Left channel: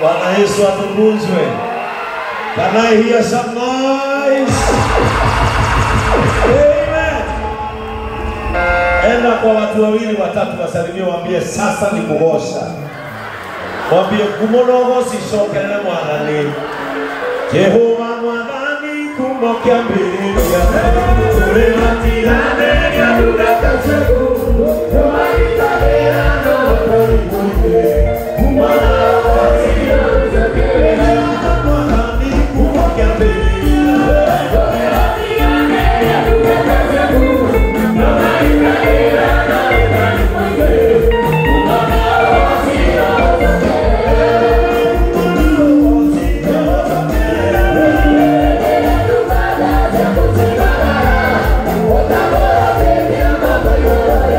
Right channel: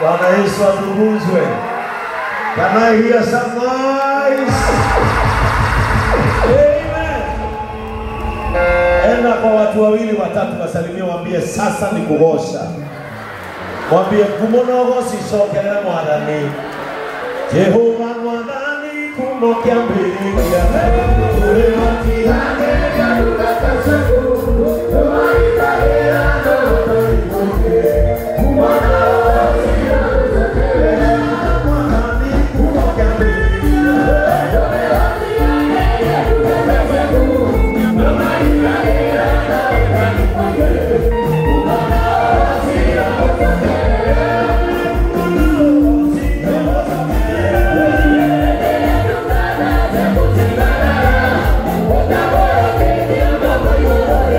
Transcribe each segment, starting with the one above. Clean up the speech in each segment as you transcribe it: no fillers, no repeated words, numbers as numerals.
Bwana Yesu atukuzwe. Can I hear some noise? Amen. Enda kwa watu wawili watatu wasalimie, waambie sasa ni kugosha. Waambie kumonogo sisoke na mwadhani. Jehova mwadhani kumokia mbele ya ule matirane ya udakaseku. Yomari bahera no karibuke. Kumanago siya mwadhani kumokia mbele ya ule matirane ya udakaseku. Yomari bahera no karibuke. Kumanago siya What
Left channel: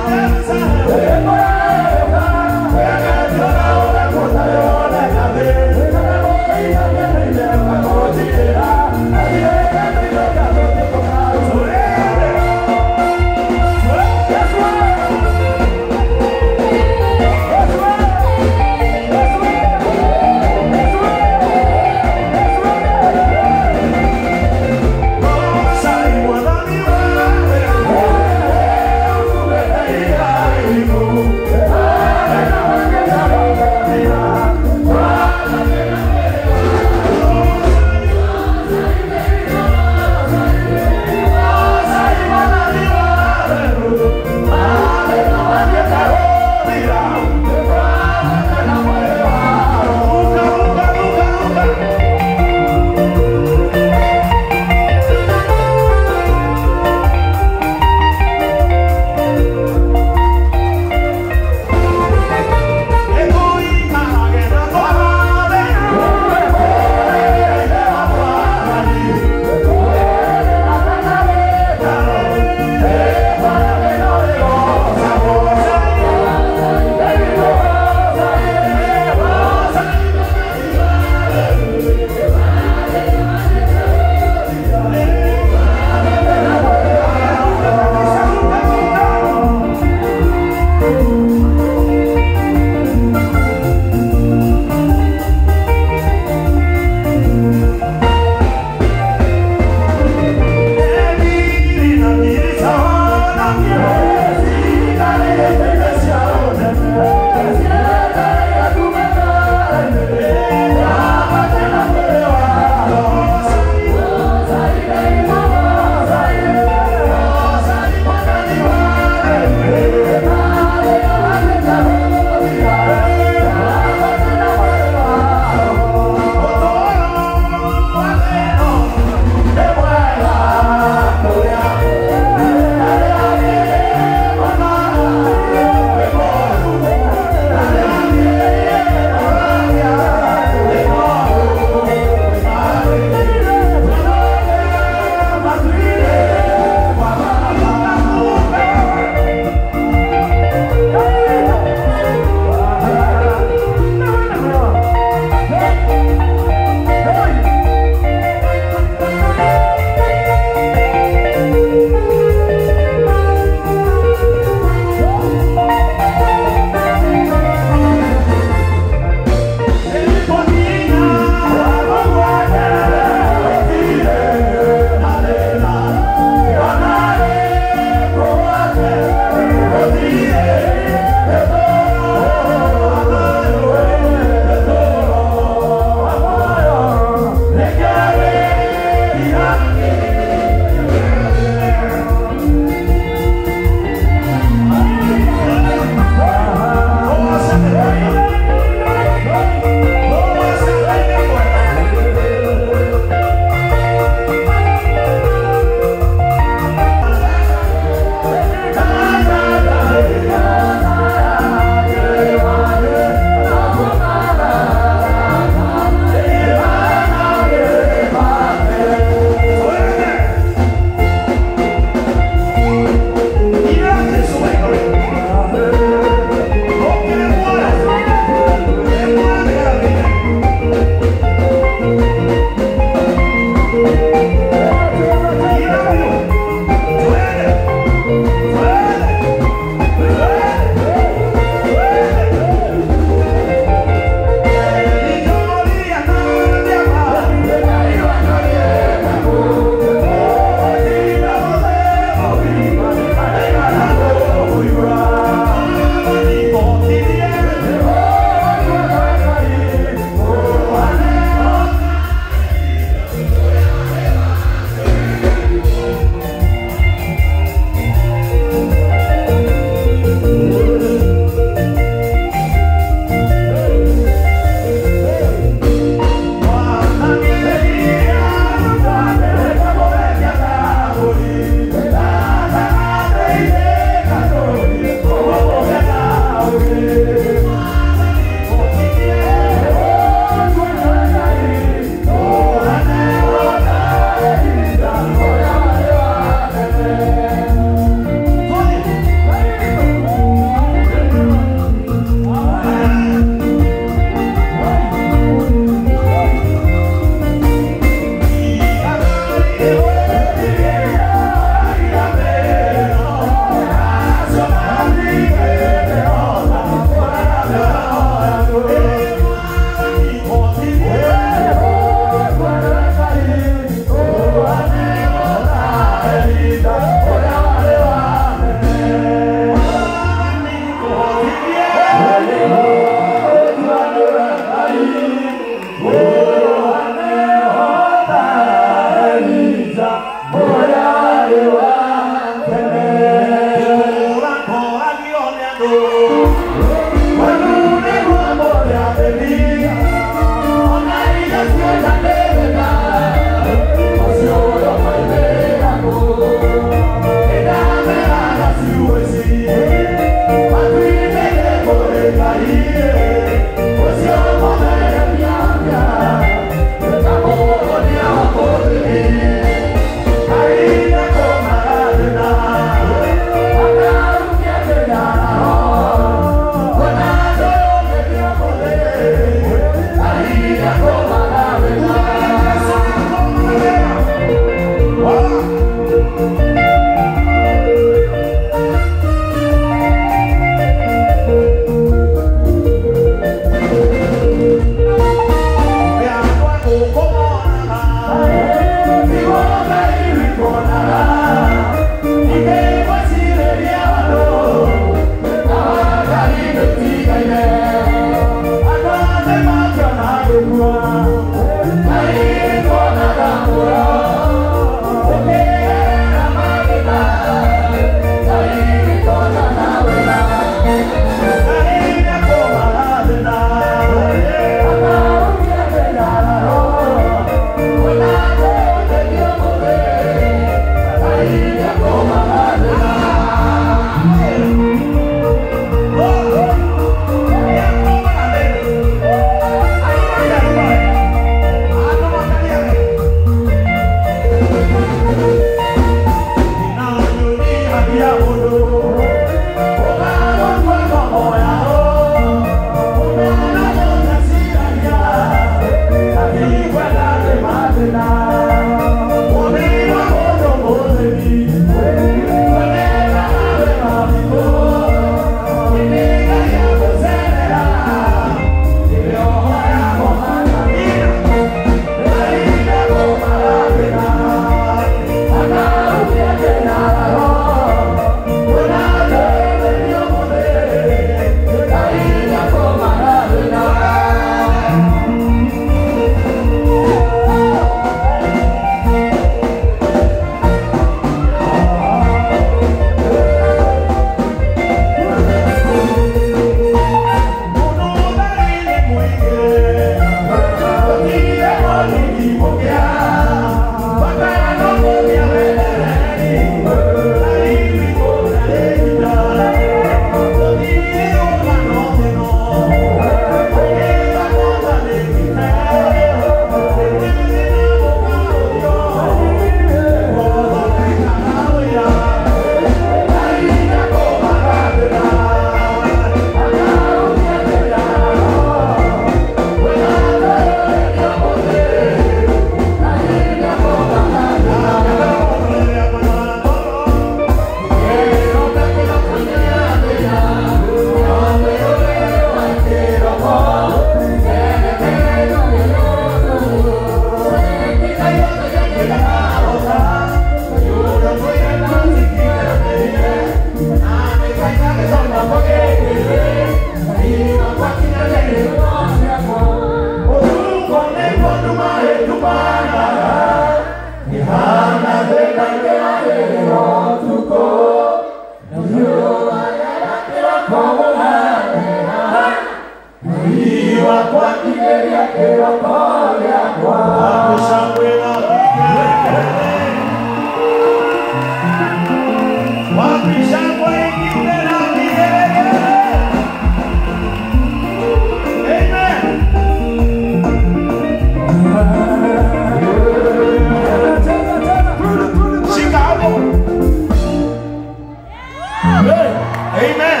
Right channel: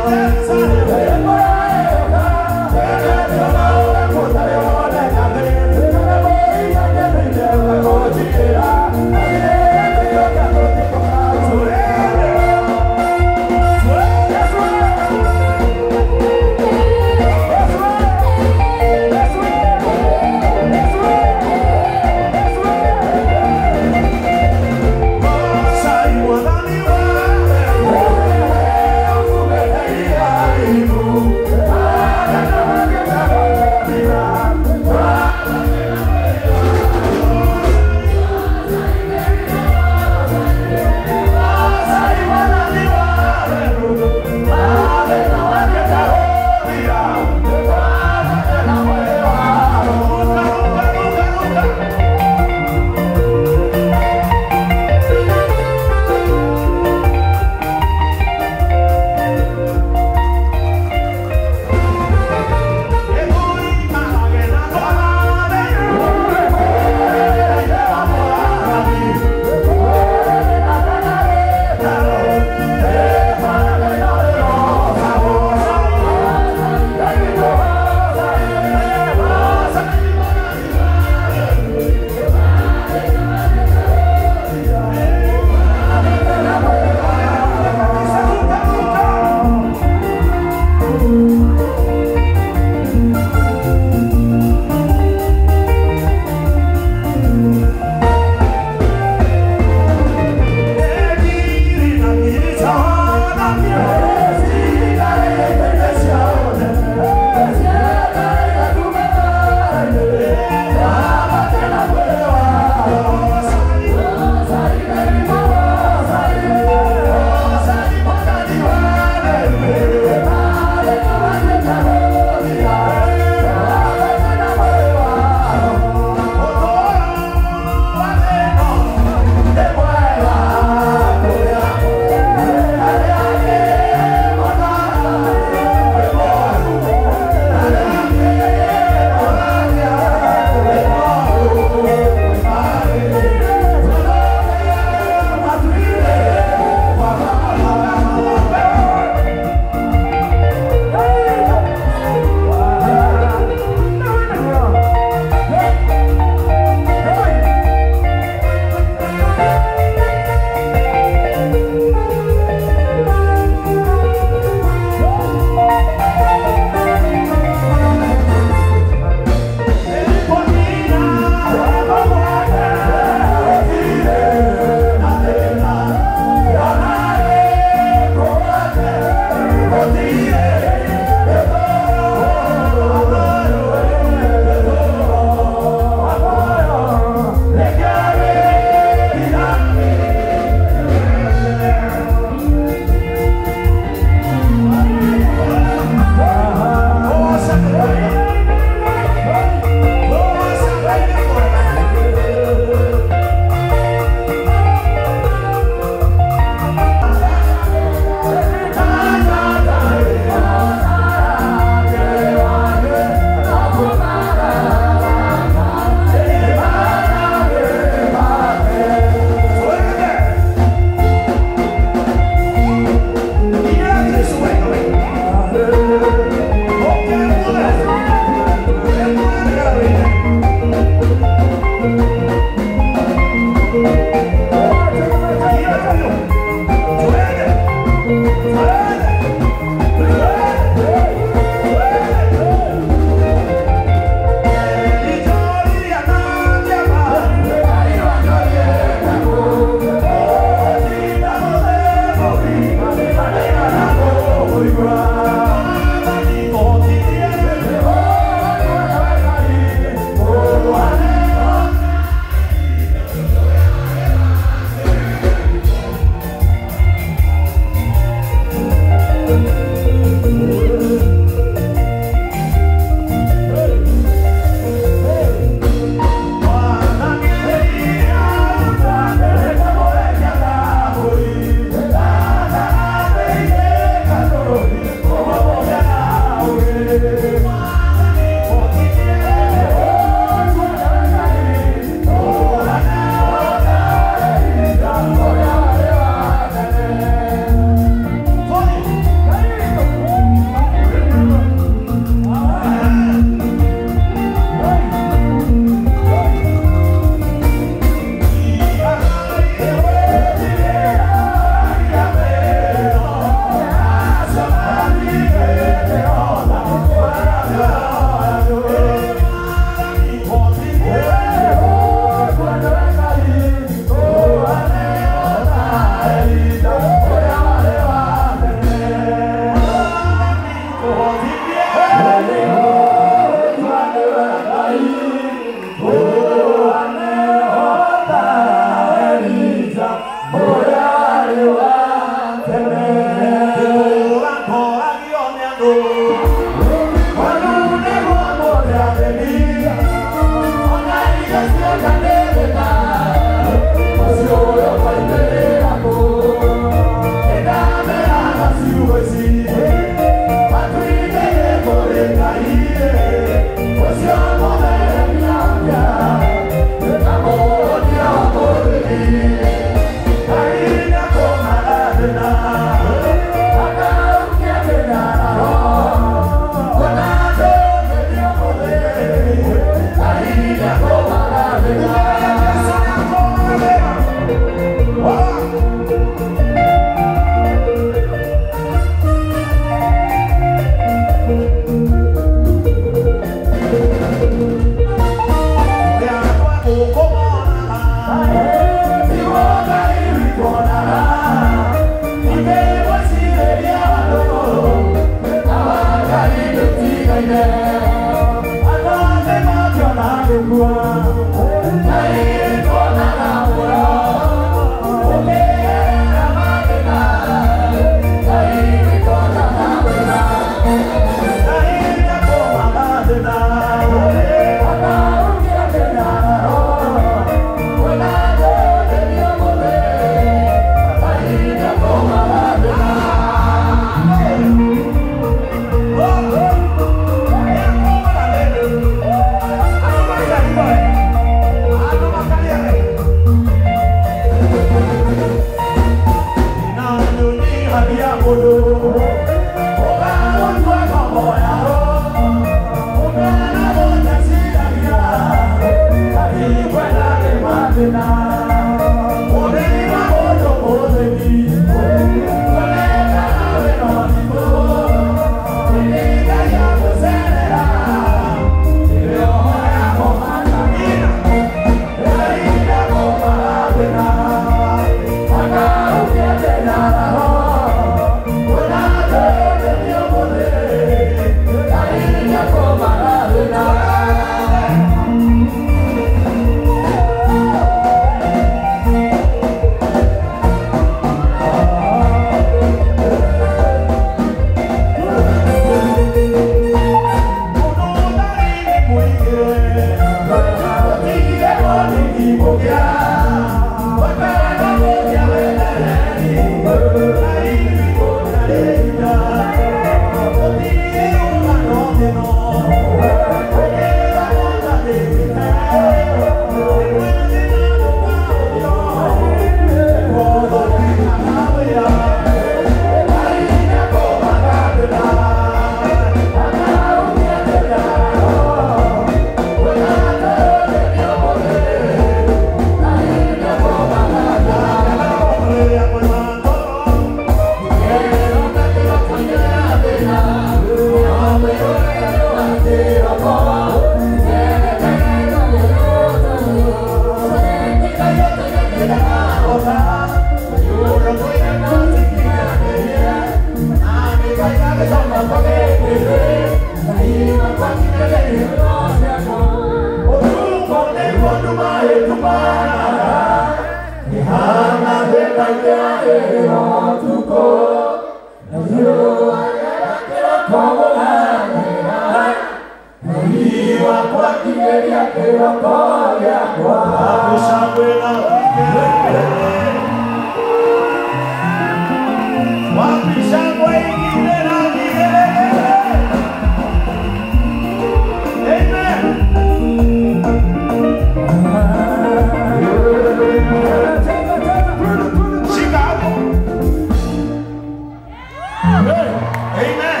Amen.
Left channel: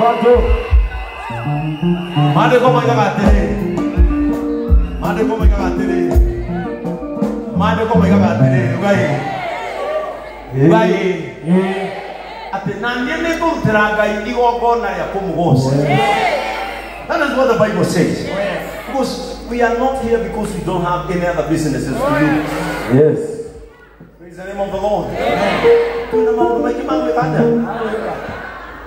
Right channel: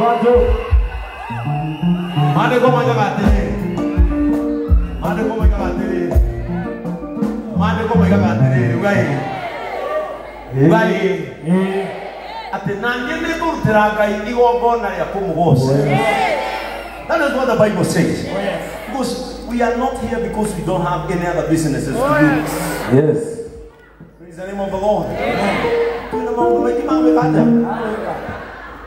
Bato. Mande como iba Ugai. Ate nanyene kutraga igogona ya kumugosa. That is what the Bible says. Because we are not here because we don't have any other businesses to do. Yes. Praise the name of the Lord. Kuna maundu maingi ma gwikaja.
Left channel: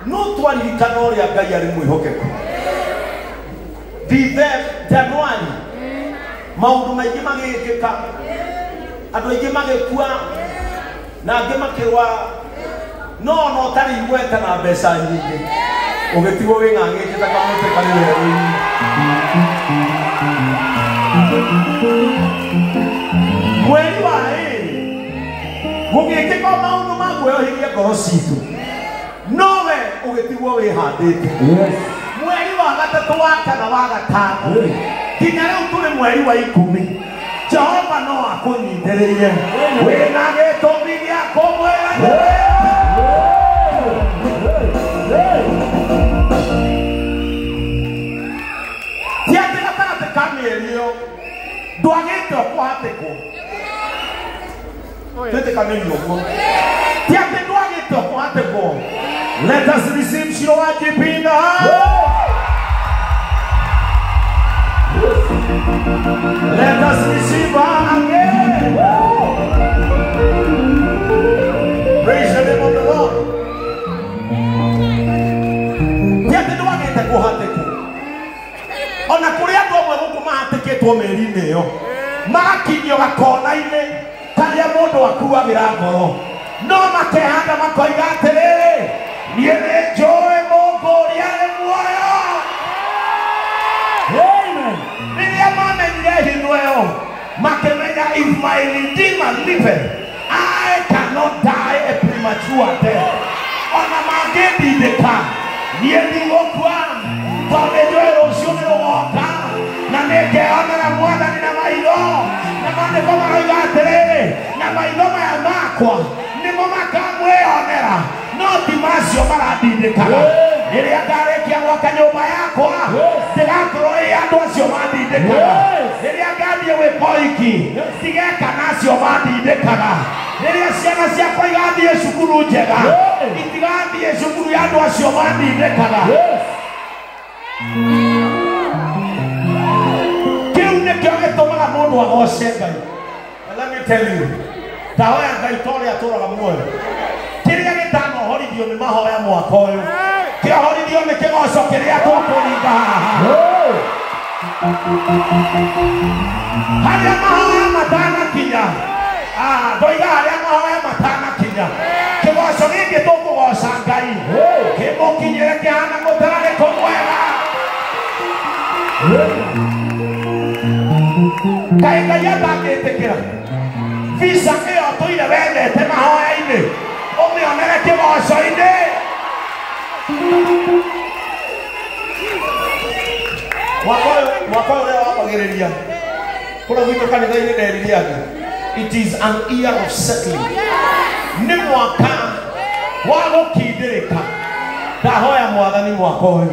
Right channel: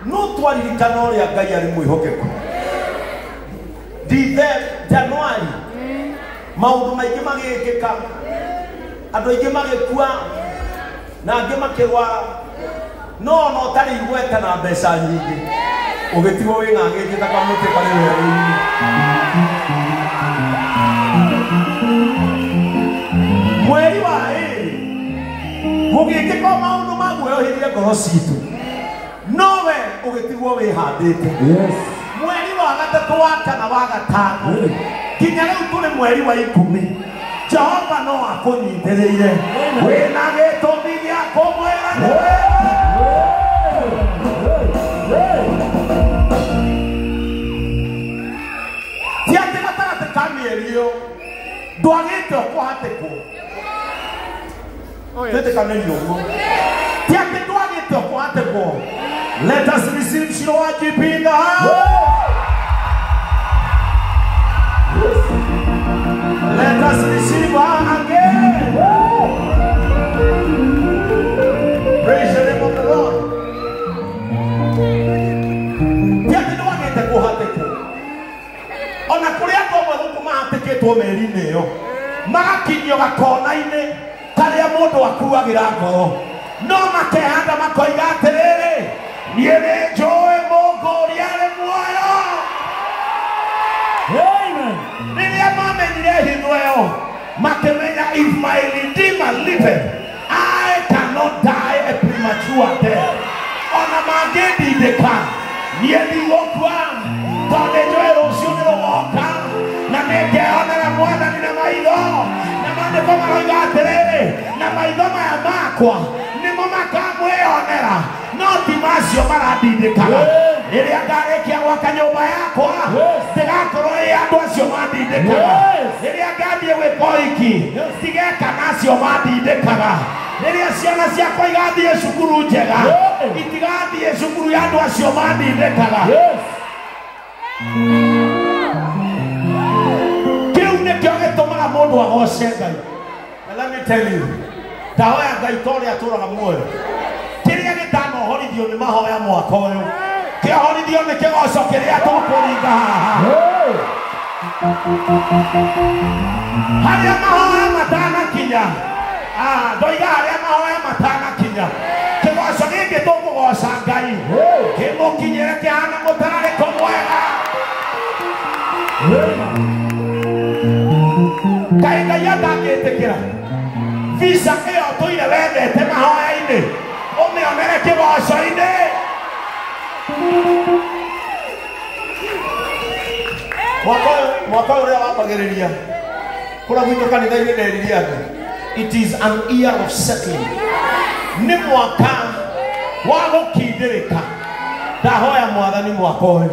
No twaririkana uria Ngai ari mwihokeku. Thithe Januari maundu maingi magikika. Andu aingi magikua na angĩ makĩrũa no ũtarĩ igweta na mbeca nyingĩ ũgĩtigwo wĩng'ang'ĩte ta kamũtĩ karĩ werũ-inĩ. Mweri wa ĩrĩ gũgĩkĩka maũndũ maguoyohĩrie ngoro citũ nowe ũgĩtigwo wĩhandĩte. Mweri wa gatatũ wa kana wa gatano nginya rĩu tũrĩ mweri wa 10 Jehova no akũnyitĩrĩire wĩna gĩtũmi gĩa kũmwĩra ti atĩ gatagatĩ ka mĩeri ĩyo ndwagĩte ũkũhatĩkwo twĩtĩkanĩrio ũguo ti atĩ ndwagĩte ũkũhatĩkwo. Let us receive Shiro wa GP in the house. Let us receive her again. Praise the name of the Lord. Yet no one can go hateko. On a Korea go kuma hateketwo meri-inĩ ĩyo. Magakinyio gakona-inĩ karĩa mũndũ akuagĩra ngoro. No makehanda makoiga atĩrĩrĩ, niĩ nĩ njũĩ Mũngu ũrĩa arĩ muoyo. Amen. Rĩrĩa mamenyire hingo ĩyo makĩmenya if my Redeemer liveth, I cannot die a premature death. Ona mangĩndindĩka niĩ ndigũkua tondũ nĩnjũĩ rũciũ nĩrũgoka na nĩngeonera Mwathani na maitho. Na maandĩko maroiga atĩrĩrĩ, na maitho maya makwa nĩmo makamwĩonera no ti macio marandindĩkaga. Rĩrĩa ndarĩkia gwaka nyũmba yakwa ndigakorwo ĩ andũ acio mandindĩkaga. Rĩrĩa ngathiĩ gwĩka ũhiki ndigeka nacio mandindĩkaga. Rĩrĩa ciana ciakwa igathiĩ cukuru njega itigathiĩ cukuru ya andũ acio mandindĩkaga. Kĩu nĩkĩo gĩtũmaga mũndũ agoce Ngai. Let me tell you, ndahoya Ngai ta ũrĩa atũũraga muoyo. Kĩrĩa gĩtanohorithio nĩ mahoya mwaka ũyũ kĩahorithio nĩ kĩgoco kĩrĩa tũkũringa haha. Harĩa mahoya matanakinya ndoiga harĩa mahoya matanakinya kĩgoco gĩkĩ tũkũgoca Ngai kĩmũkinyĩre kĩhana mũtararĩko mwega. Kaĩ Ngai atangĩtĩkĩra visa ĩyo tũire wendete mahoya-inĩ ũmĩonere kĩgoco-inĩ. Mwaka ũrĩa wambagĩrĩria kũrĩa gwitũ kanitha-inĩ nderire andũ, it is an year of settling. Nĩ mwaka wa gũkindĩrĩka. Ndahoya Mwathani mwaka ũyũ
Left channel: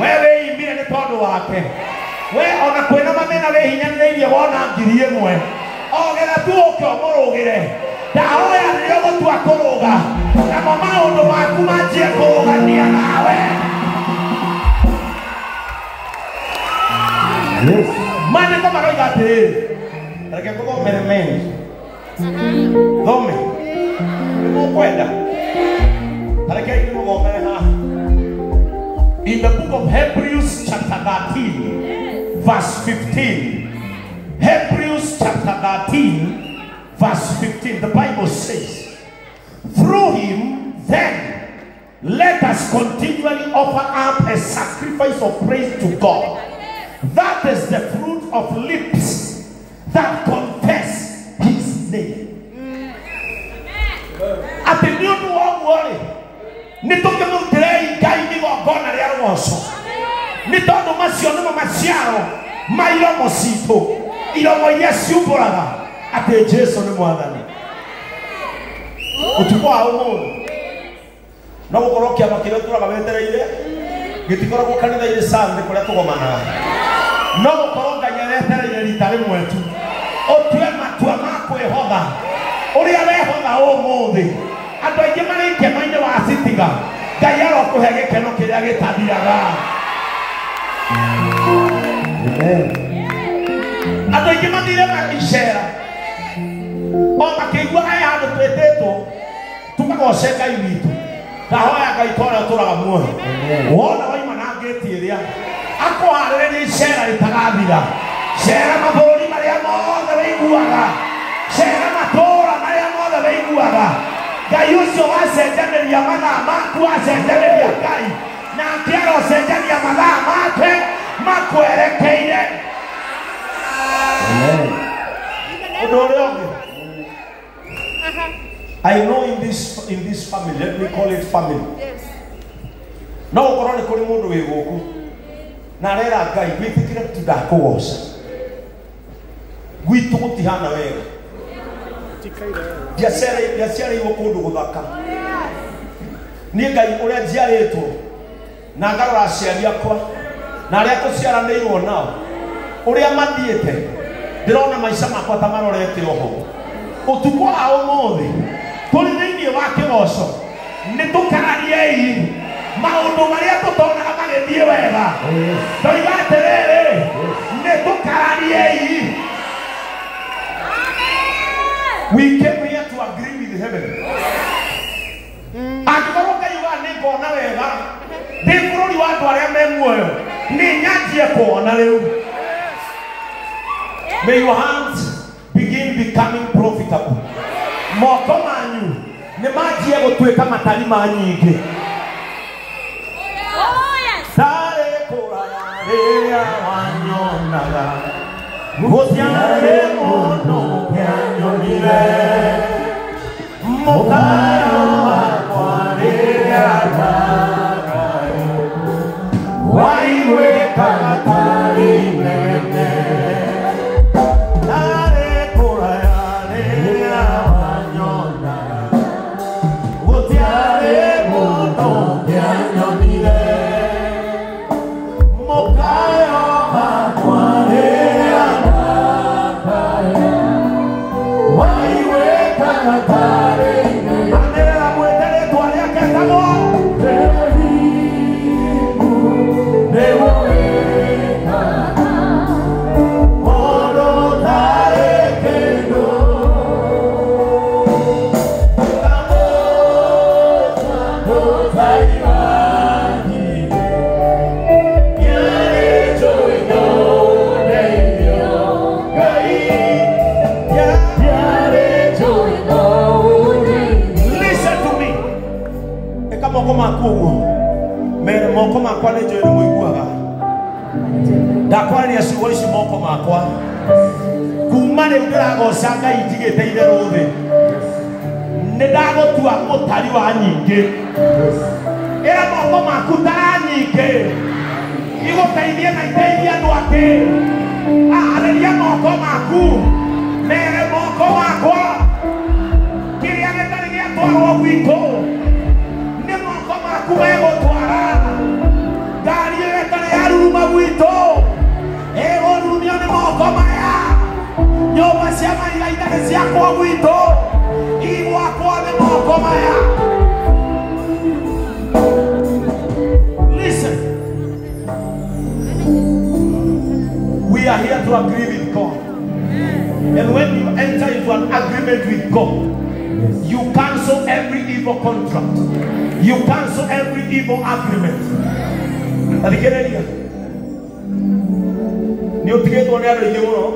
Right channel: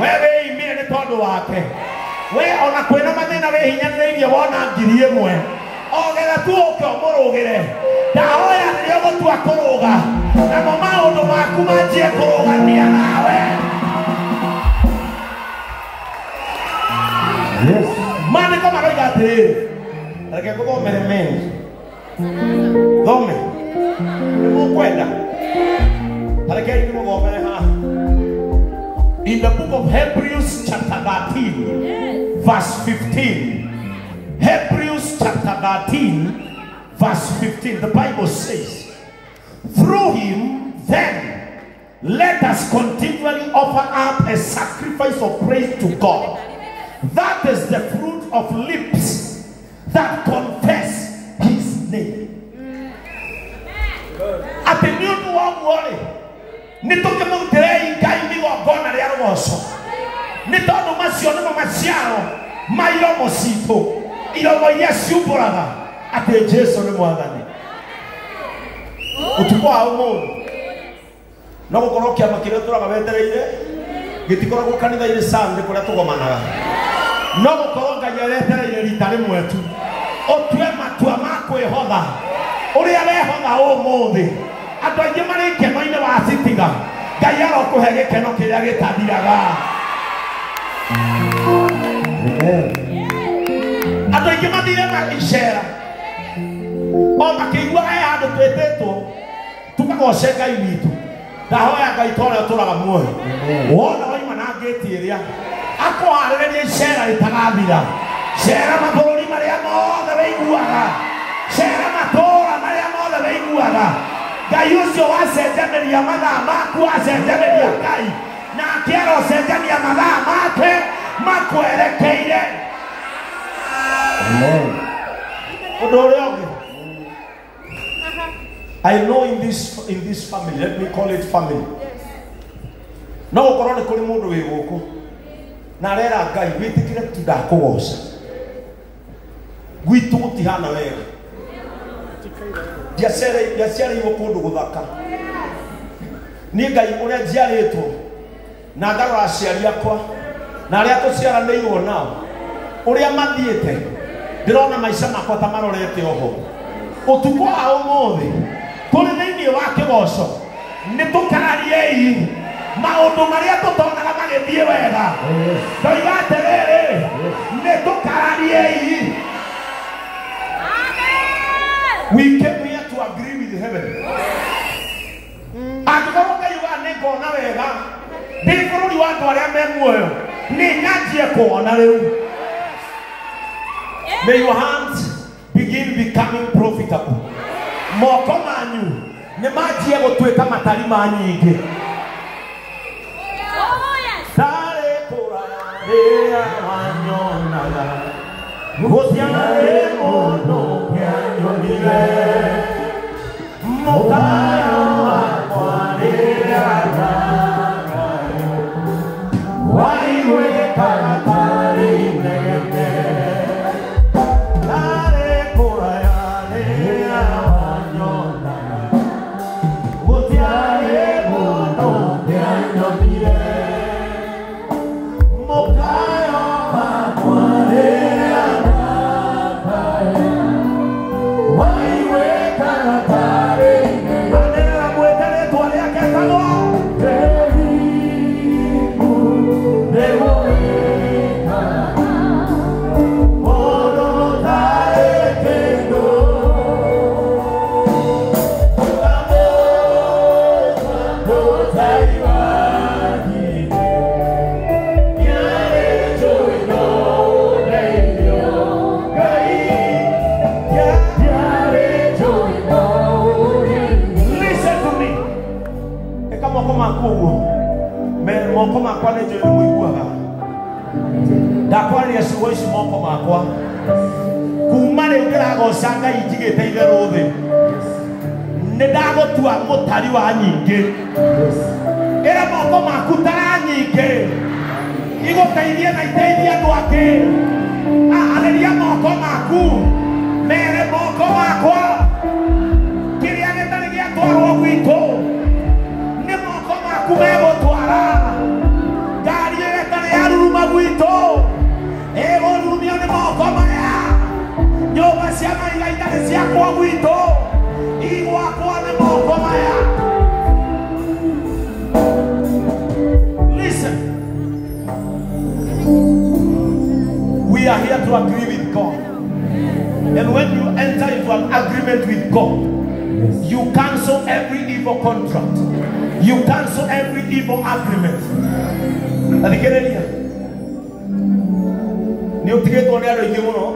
we wĩimire nĩ tondũ wake. We ona kwĩna mathĩna wĩhinyanĩrĩirie wona 1,000 ogera tu ũke ũmũrũgĩre. Ndahoya rĩrĩa ũgũtua kũrũga namo maũndũ maku manjie kũrũgania nawe. Maandĩko maroiga atĩrĩrĩ, reke ngũthomere mengi thome nĩmũkwenda tarekei nĩmũthomere haha. In the book of Hebrews chapter 13 verse 15. Hebrews chapter 13 verse 15, the Bible says, through him then let us continually offer up a sacrifice of praise to God. That is the fruit of lips that confess his name. Ati ni undu wa gwori ni tukimutire Ngai igongona ria rugoco ni tondu macio nimo maciaro ma iromo citu, iromo iria ciumbũraga atĩ Jesu nĩ Mwathani. Ũtukũ wa ũmũthĩ no gukorwo kiama kiria turaga wetereire gitikoragwo kanitha-inĩ Sunday kuria tugomanaga no gukorwo Ngai wetereire rita rimwe tu utue matua ma kwĩhotha uria wehotha ũmũthĩ andũ aingĩ marĩ kĩama-inĩ wa Citiga Ngai arokũhe gĩkeno kĩrĩa gĩtathiraga andũ aingĩ mathire magĩcera o makĩiguaga handũ twĩtĩtwo tukagoce Ngai witũ ndahoya Ngai tũrĩa tũraga muoyo wona waima na ngĩti ĩrĩa akũharĩrĩria icera rĩtagathira cera mabũrũri marĩa mothe wĩiguaga cera matũũra marĩa mothe wĩiguaga Ngai ũcio wacenjanĩria mathaa maku wacenjanĩria Ngai nake arocenjania mathaa make makwerekeire ũndũ ũrĩa ũngĩ I know in this family, let me call it family. No ukorwo ni kuri mundu wi guku na rera Ngai gwitikire tudakũgoca gwitu gutihana wega ndiaciarĩirwo kũndũ gũthaka niĩ Ngai ũrĩa njiarĩtwo na ngarora aciari akwa na arĩa tũciaranĩirwo nao ũrĩa mathiĩte ndĩrona maica makwa ta marorete oho ũtukũ wa ũmũthĩ tũrĩ thĩinĩ wa kĩgoco nĩ tũkariei maũndũ marĩa tũtonaga magĩthiĩ wega ndoiga atĩrĩrĩ nĩ tũkariei. We came here to agree with heaven. Angĩkorwo Ngai uga nĩ ngona wega ndĩ bũrũri wa andũ arĩa me muoyo nĩ nyanjie kuona rĩu. May your hands begin becoming profitable. Moko manyu nĩ manjie gũtuĩka matari ma nyingĩ. Tarĩ kũraya rĩrĩa wanyonaga gũtiarĩ mũndũ ũngĩanyonire mũkayo wakwa rĩrĩa waiguĩkaga tarĩ inegene. Sanga itigete itherũ thĩ nĩ ndagũtua mũtari wa nyingĩ ĩra moko maku tara nyingĩ igũteithie na iteithie andũ angĩ arĩria moko maku mere moko makwa kĩrĩa gĩtarĩ gĩatwarwo gwitũ nĩ moko maku megũtwara ngari ĩyo ĩtarĩ yaruruma gwitũ ĩgũrumio nĩ moko maya nyũmba cia mahiga itarĩ ciakwo gwitũ igwakwo nĩ moko maya. Listen, we are here to agree with God, and when you enter into an agreement with God, you cancel every evil contract, you cancel every evil agreement. Athikĩrĩria nĩ ũtigĩtwo nĩ andũ aingĩ mũno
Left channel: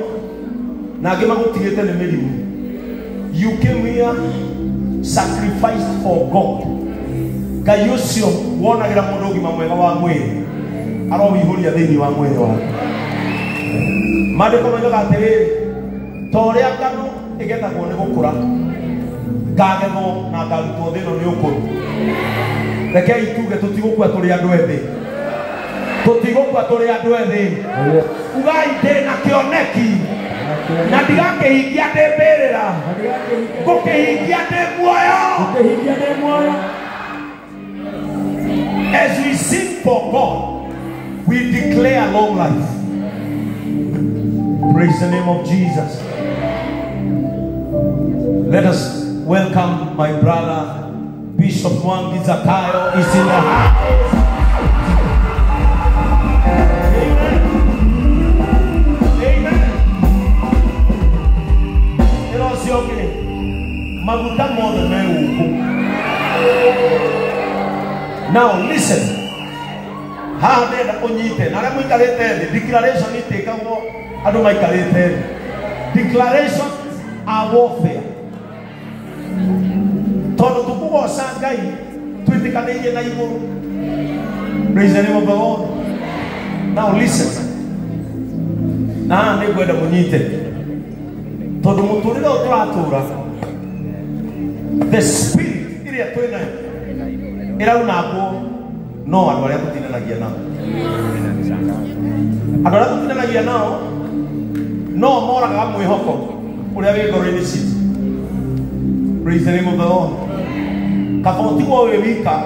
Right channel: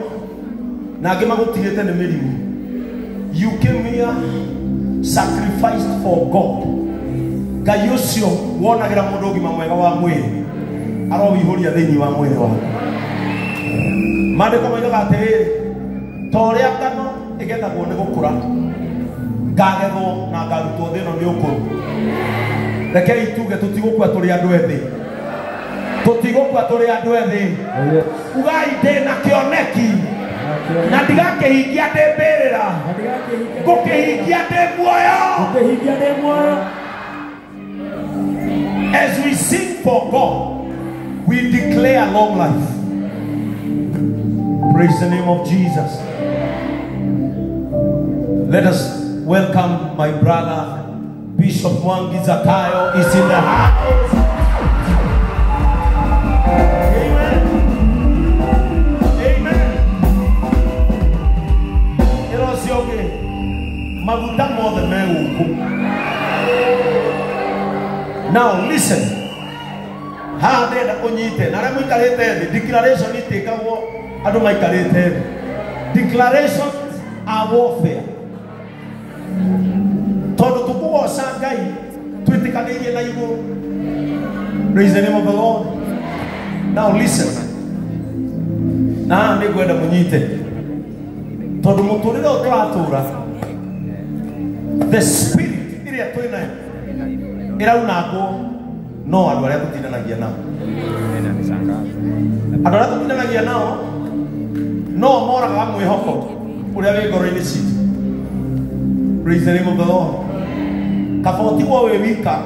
na angĩ magũtigĩte nĩ mĩrimũ. You came here sacrificed for God. Ngai ũcio wonagĩra mũndũ ũgima mwega wa mwĩrĩ aroũihũria thĩinĩ wa mwĩrĩ wake. Maandĩko moigaga atĩrĩrĩ ta ũrĩa ngano ĩgethagwo nĩ gũkũra ngagethwo na ngarutwo thĩ ĩno nĩ ũkũrũ. Rekei tuge tũtigũkua tũrĩ andũ ethĩ, tũtigũkua tũrĩ andũ ethĩ. Ugai ndĩna kĩoneki na ndigakĩhingia ndĩ mbĩrĩra, ngũkĩhingia ndĩ muoyo. As we sing for God, we declare long life. Praise the name of Jesus. Let us welcome my brother, Bishop Mwangi Zakayo is in the house. Amen. Amen. You know, see, okay. Maguta more than me. Now listen. How they are onite. Naramu ikarete. Declaration ite kamo. Adu mai ikarete. Declarations are warfare. Todo tukuwa sangai. Tuitikane na ibu. Praise the name of the Lord. Now listen. Na nego da onite. Todo motoriro otratura. The spirit iri atoina. Era unako no adware kutinanagia nao. Adware kutinanagia nao. No mora kama mwihoko. Uria wigoro ini city. Praise the name of the Lord. Kafoti kwa wewika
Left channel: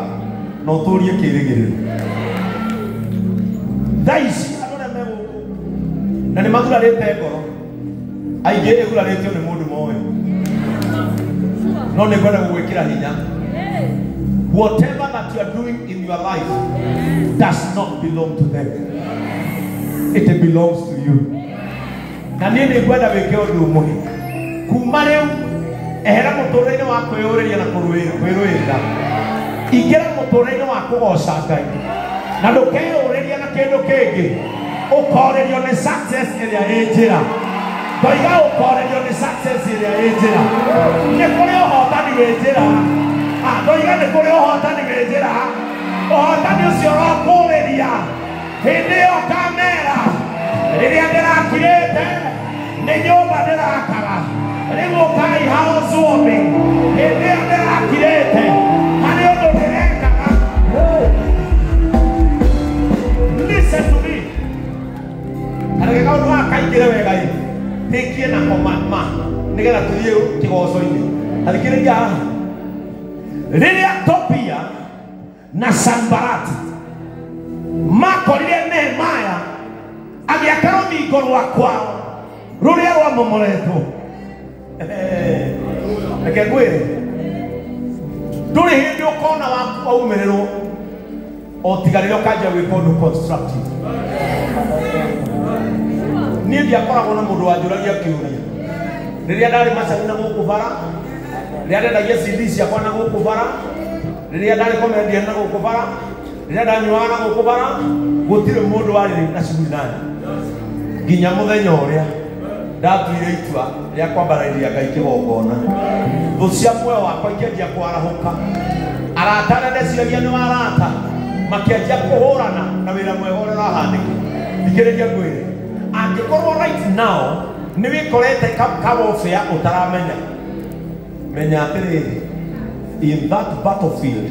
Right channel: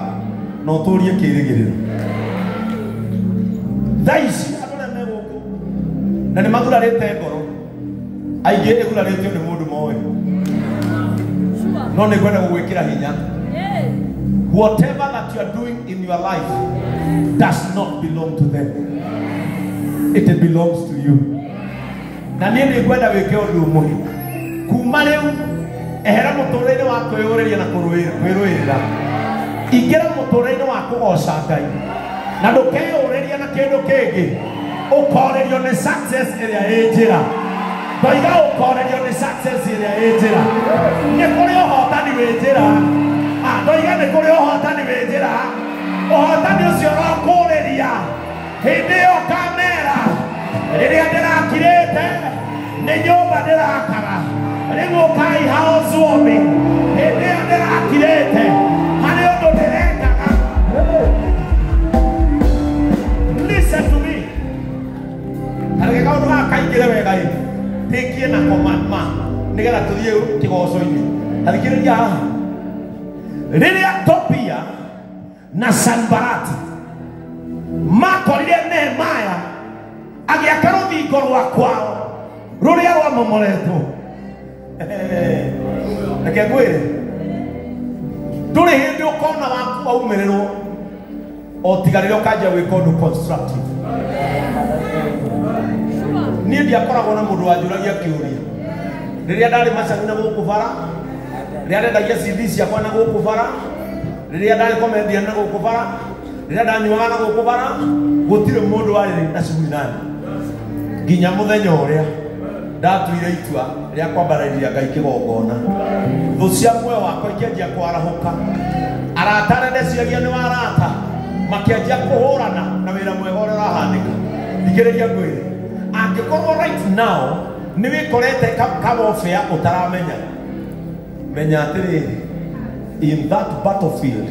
no turie kirigiriro. Daisi adware mego. Na ni magula rete goro. Aigere kula rete ni mundu moyo. No negwenda kuwekera hinya. Whatever that you are doing in your life does not belong to them. It belongs to you. Na nini gwenda wekeo dumohi. Kumareu ehera motorene wako yoreria na kuruira. Igera motorene wako osakai. Na dokeo yoreria na kendo kege. Okorerio ne success area ejira. Doiga okorerio ne success area ejira. Nekoreo hotani wejira. Doiga ne koreo hotani wejira. Hotani usiora koreria. Hideo kamera. Iria dera kirete. Neyoba dera akara. Rego kai hao zuomi. Hideo dera kirete. Haneo do dereka. Listen to me. Harega odwa kai kirewe gai. Tekie na komatma. Nigera tuliyo kigoso ini. Alikire ja. Lilia Topia na Sanbarati makorire Nehemia agiakaro migoro kwao ruria wa momoreto ekegwire nduri hindi ukona waku aumiriro otigariro kaja wikondu constructive ni ndiakoragwo na mundu wanjuragia kiuria riria ndari macaguna gukubara riria ndagia CD ciakwa na gukubara riria ndari komendia na gukubara riria ndanyuaga na gukubara gutire mundu wari na cugurani nginya muthenya uria ndatuire itua ria kwambariria Ngai kigongona thu cia muoyo wakwa ikianjia kwarahuka arata ndeciragia ni arata makianjia kuhurana na wira mwega uria urahandika thikiriria ngwire angikorwo right now ni wikorete kabofea utaramenya in that battlefield,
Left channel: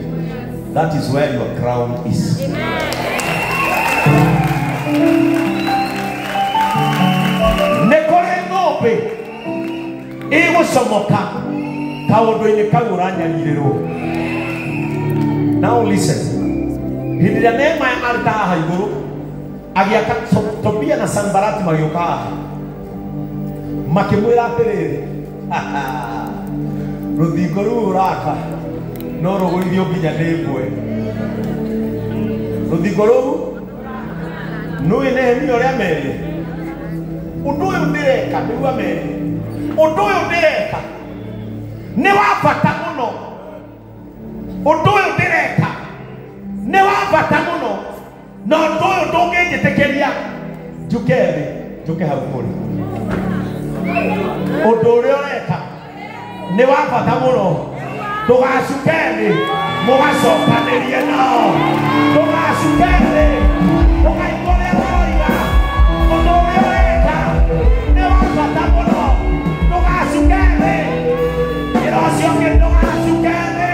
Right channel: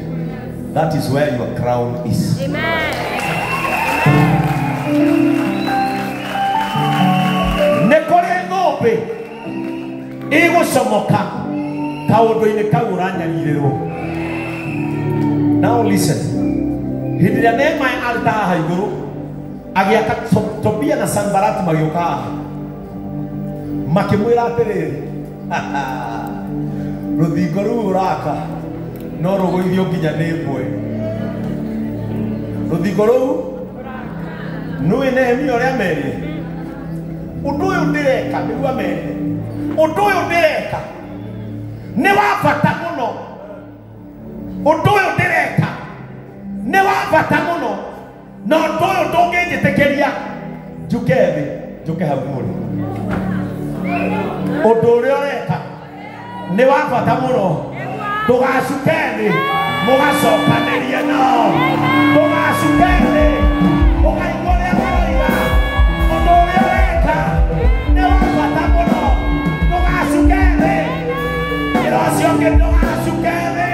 that is where your crown is. Amen. Nekore ngobe ego samoka kawodo ine kawuranya nyiriro. Now listen. Hidira nema ya alta haiguru agiaka Tobia na Sanbarati magioka makimwira perere Ruthingo raka no ruguithio nginya ndikwe ruthingo ruu nui Nehemia uria meri undu uyu ndireka niguo meri undu uyu ndireka ni wa bata muno undu uyu ndireka ni wa bata muno na undu uyu ndungingitikiria njuke thi njuke hau muru undu uria ureka ni wa bata muno tugacukeni mugacokanĩrie nao tugacukeni mugaikũrĩa maroiga ũndũ ũrĩa ũreka nĩ wa bata mũno tugacukeni ĩra ũcio ũngĩ tugacukeni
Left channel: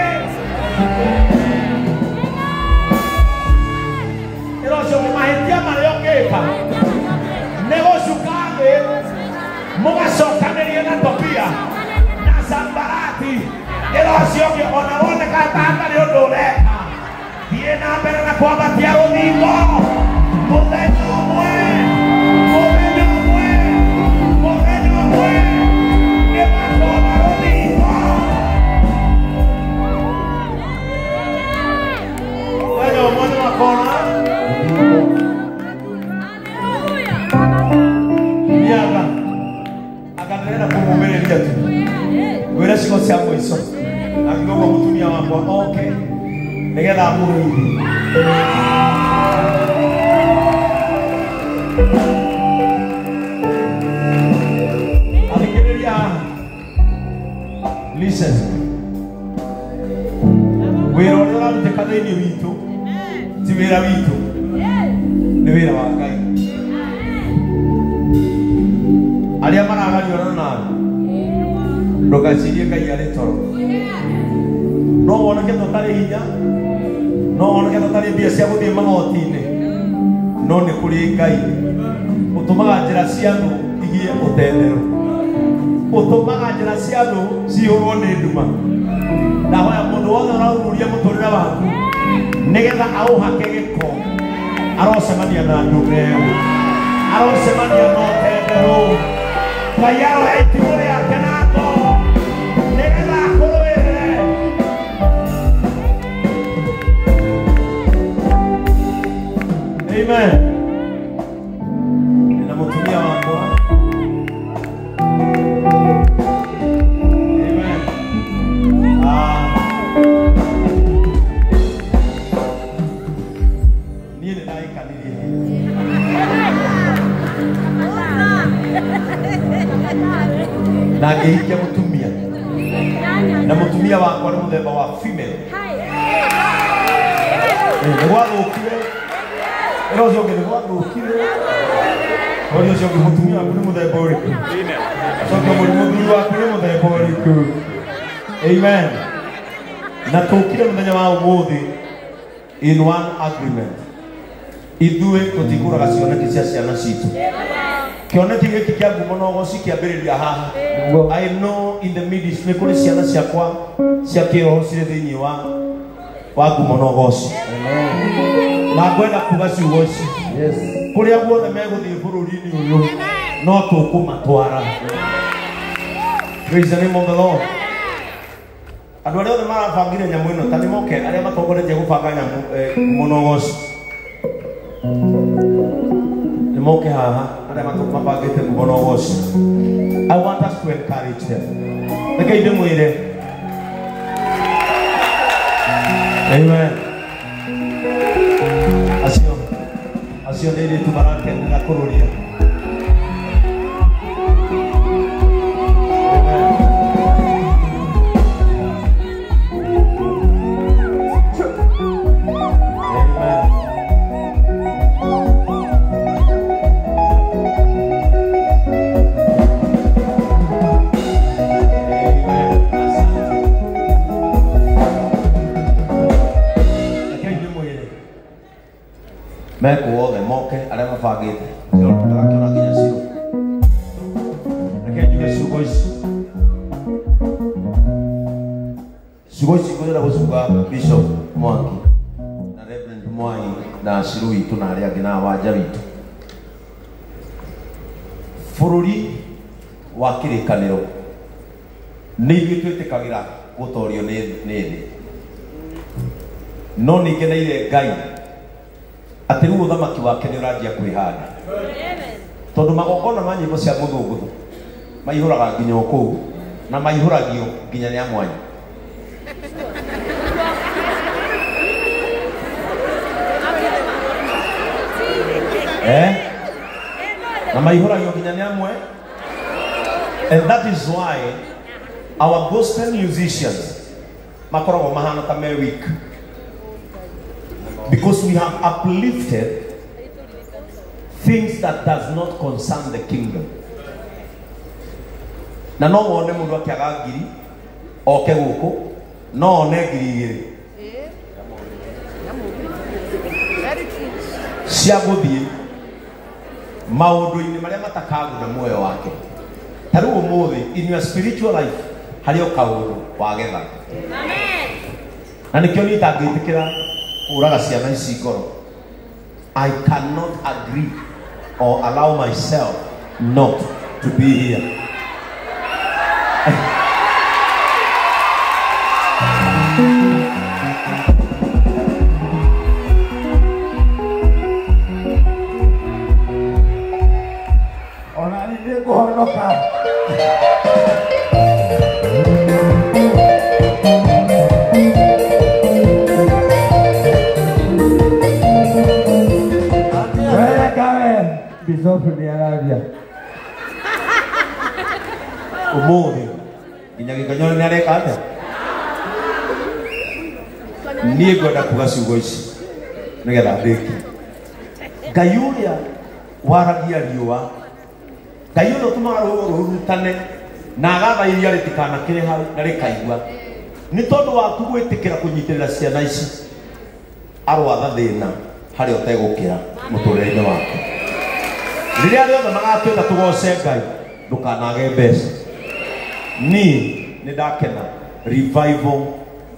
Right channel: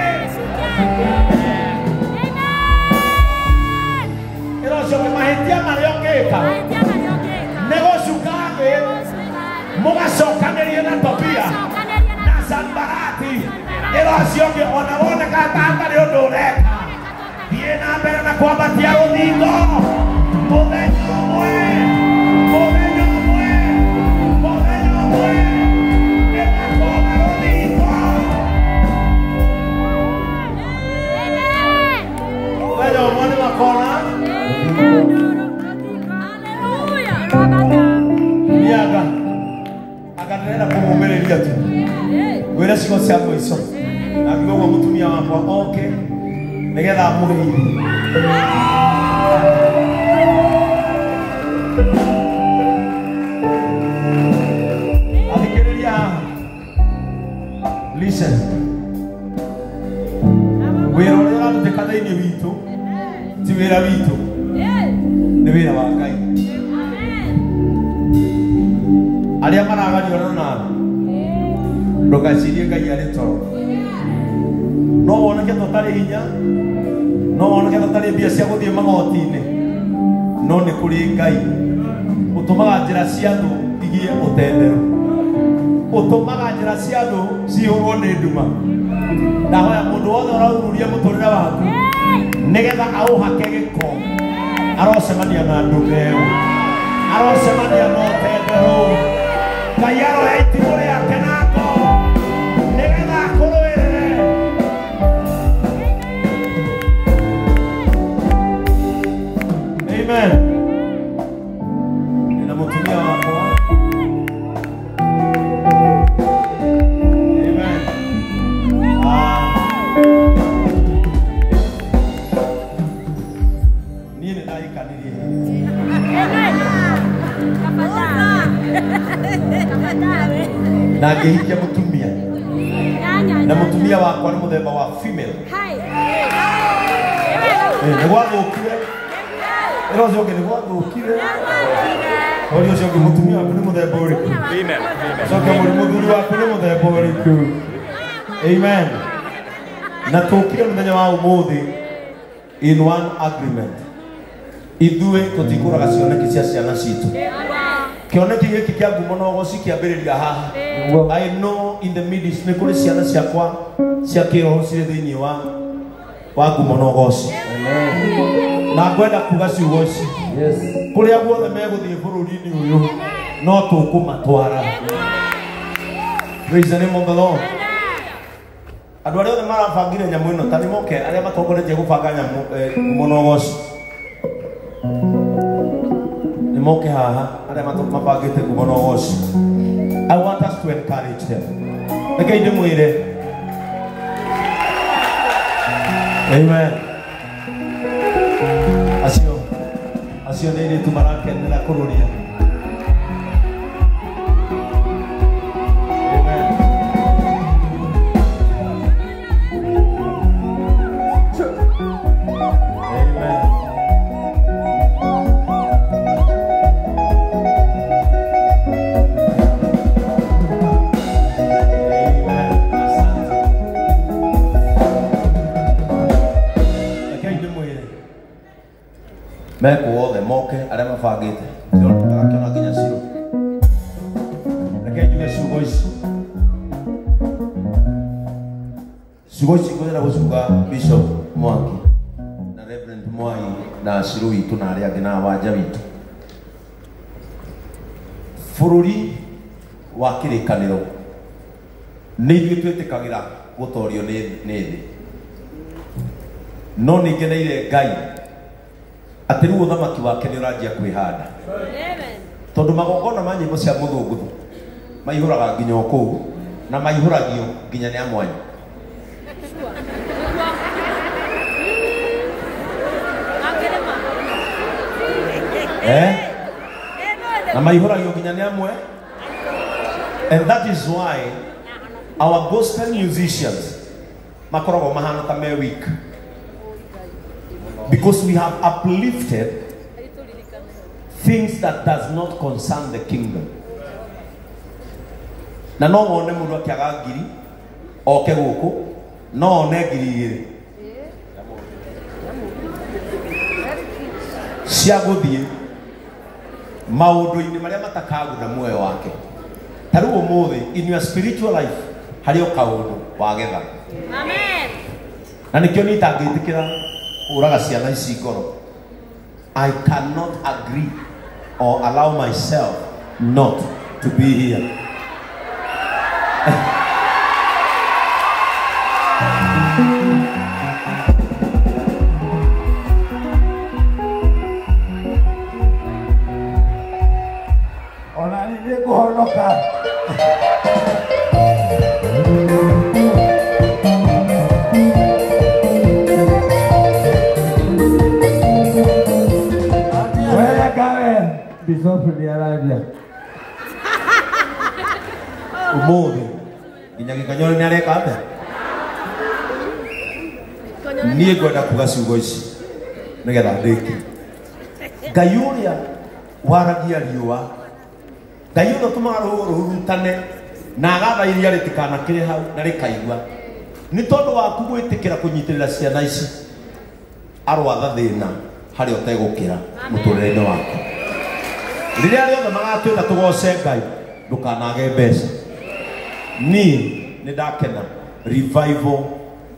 ĩra ũcio ũngĩ mahĩtia marĩa ũngĩka nĩ gũcuka thĩ mugacokanĩrie na Tobia Sanbarati ilo sioke ona wone katata leo dole viena mbele na kwambatia rũthingo mũthenya ũmwe nĩmatwara rũthingo. Mũthenya ũmwe nĩmakona niaga akanena kũmũmĩrĩria tu gwĩra cigo cia mũico akiuga ũguo mũtumia wakwa oke nĩgetha amũrĩithie. Athikĩrĩria listen, wĩra ũrĩa ũrarutĩka thĩinĩ witũ ti wĩra witũ, nĩ wĩra wa Ngai. Arĩa maraganĩrwo nawe ndũgecirie Ngai arĩ toro. No woneke tũtarĩ hinya, no woneke tũtarĩ mbia cia gũthiĩ magoti-inĩ, no nĩ kũrĩ Ngai ũtũmaga njĩra cia thũ igie ũtendero, ũtũmaga njĩra cia thũ cihũrwo nĩ nduma. Ndahoya mũndũ wothe ũraururia mũtũrĩre waku nĩgetha aũhake gĩko arocemania na ndũme ĩyo, arocemania na ũtendero. Ngai aroya itimũ rĩake na ngoro nĩgetha akũrũĩrĩre. Amen. Nina mũtumia wakwa. Amen. Niĩ nĩ ndaikanirie na ngĩhikia mũtumia, na mũtumia wakwa nĩ mũthemba wa female. Nĩ gwathũkire ĩro ũcio ũngĩ nĩ gwathũkire, ũrĩa ũcio ũngĩ mũtumia waku nĩ mũthemba ũrĩkũ? Coke mũthuri waku nĩ mũthemba ũrĩkũ? Amen. Na tũkire mũthenya wa ũmũthĩ in one agreement, ithuĩ tũtikũraga cioneki cia ciana citũ. Kĩoneki gĩkĩ kĩa ngumo no goci kĩambĩrĩria haha. I know in the midst nĩ kũrĩ ciana ciakwa cia kĩroho cirĩ thĩinĩ wa ngumo no goci. Na ngwenda kuga ciugo ici kũrĩa guothe megũthiĩ bũrũri-inĩ ũyũ no tũkũmatwara. Praise the name of the Lord. Andũ arĩa othe marabangire nyamũ ĩno ta nĩmoke arĩa matongoretie gũbanga nyamũ ngumo no goci nĩmoke haha arĩa mabangĩte ngumo no goci. I want us to encourage them. Reke ndĩmwĩre. Amen. Acio nĩ airĩtu marakenera kũrũria. Meko wothe moke arĩa mabangĩte tũrakĩona nginya ciro. Reke njuge ciugo ici. Ciugo ici ngũthĩra gũcunga Bishop Mwangi na Reverend Mwai na Ciro witũ na arĩa angĩ na wanja witũ. Bũrũri wa kĩrĩkanĩro nĩ ithuĩ twĩtĩkagĩra gũtorio nĩ thĩ, no nĩngeneire Ngai atĩ rĩu ũthamaki wake nĩ ũranjia kwĩhanda, tondũ magongona ma nyĩmbo cia mũthũngũthũ maihũraga nginya o kũu na maihũragio nginya nĩ a mwanya. Na maihũragio nginya nĩ amwe. And that is why our gospel musicians makoragwo mahana ta me weak, because we have uplifted things that does not concern the kingdom. Na no wone mundu akiaga ngiri oke guku no one ngiri igiri cia guthie maundu-ini maria matakaguna muoyo wake. Taru umuthi in your spiritual life hari o kaundu wagetha. Amen. Na nikio nitangĩtĩkĩra I cannot agree or allow myself not to be here. Umuvi inyagikanyo nereka ate niye gwenda kuga ciugo ici nigetha ndiki Ngayuria waragia riua Ngayuria tumaga ruhurutane na agatha iria ritikana kire hau na rikaigua ni tondu waku gwitikira kunyitirira ciana ici arwatha thina hari otegukira muturire-ini waku riria riothe magatwira tugoce Ngai ndukanage mbeca ni ndakena revival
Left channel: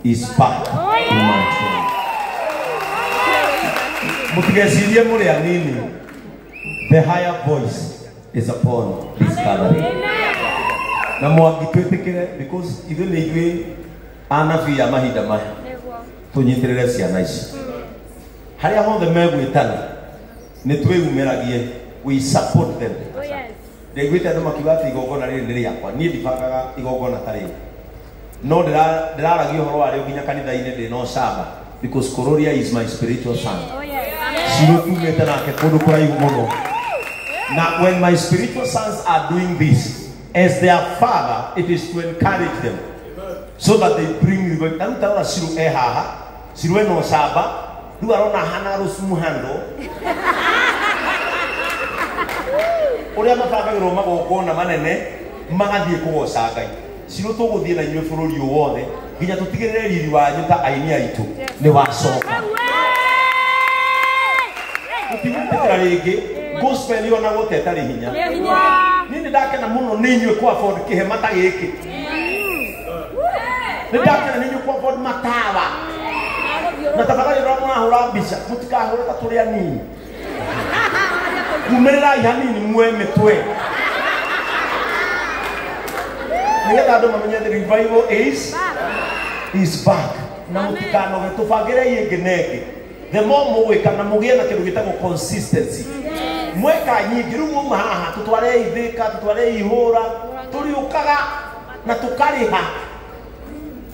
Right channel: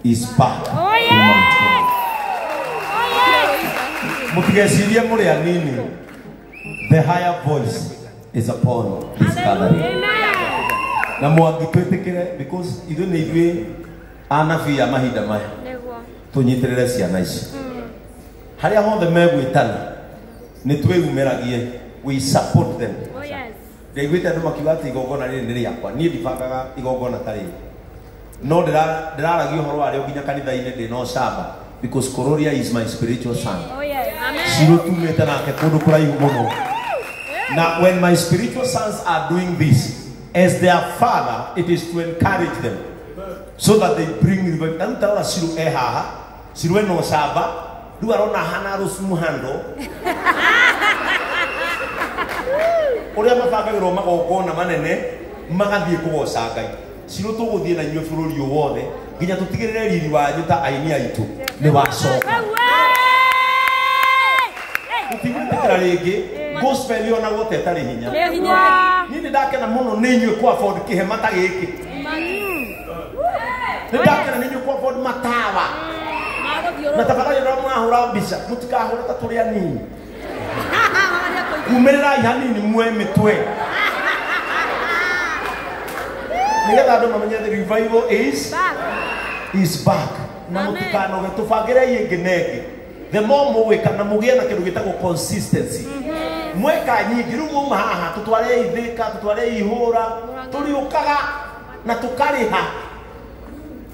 is back in my life. Mukigecirie muri anini, the higher voice is upon this gathering. Na mwagitwetikire because ithu ni ithui anabii a mahinda maya tunyitirire ciana ici haria hothe megwitana ni twiyumiragie, we support them. Ndaiguite andu makiuga ati igongona riri ni riakwa nie ndibangaga igongona ta riri no ndiraragia uhoro wario nginya kanitha-ini ndina ucamba because Kururia is my spiritual son. Cirukumite nake kundu kuraihu muno. Now when my spiritual sons are doing this as their father, it is to encourage them so that they bring revival. Nantara ciru haha ciru eno ucamba riu arona hana rusumuhando uria mabangagirwo magongona manene magathie kugoca Ngai ciru tuguthie na inyuĩ bũrũri ũyũ wothe nginya tũtigĩrĩre riri wanyu ta aini aitũ nĩ wacoka ũtigĩrĩra rĩngĩ gospel ona gũte tarĩ hinya niĩ nĩ ndakena mũno nĩ inyuĩ ku afford kĩhema ta gĩkĩ nĩ ndakena nĩ inyuĩ ku afford matawa na tafadhali ndio mũrahũra mbica mũtikahũre ta tũrĩ anini kumerera ihani ni mwe mitwe nigetha andu mamenye the revival is back na mutikanoge tubangire ingi nengi the more mugwika na mugie na kindu gitagwo consistency mweka nyingi riu muma haha tutware ithika tutware ihura turiukaga na tukariha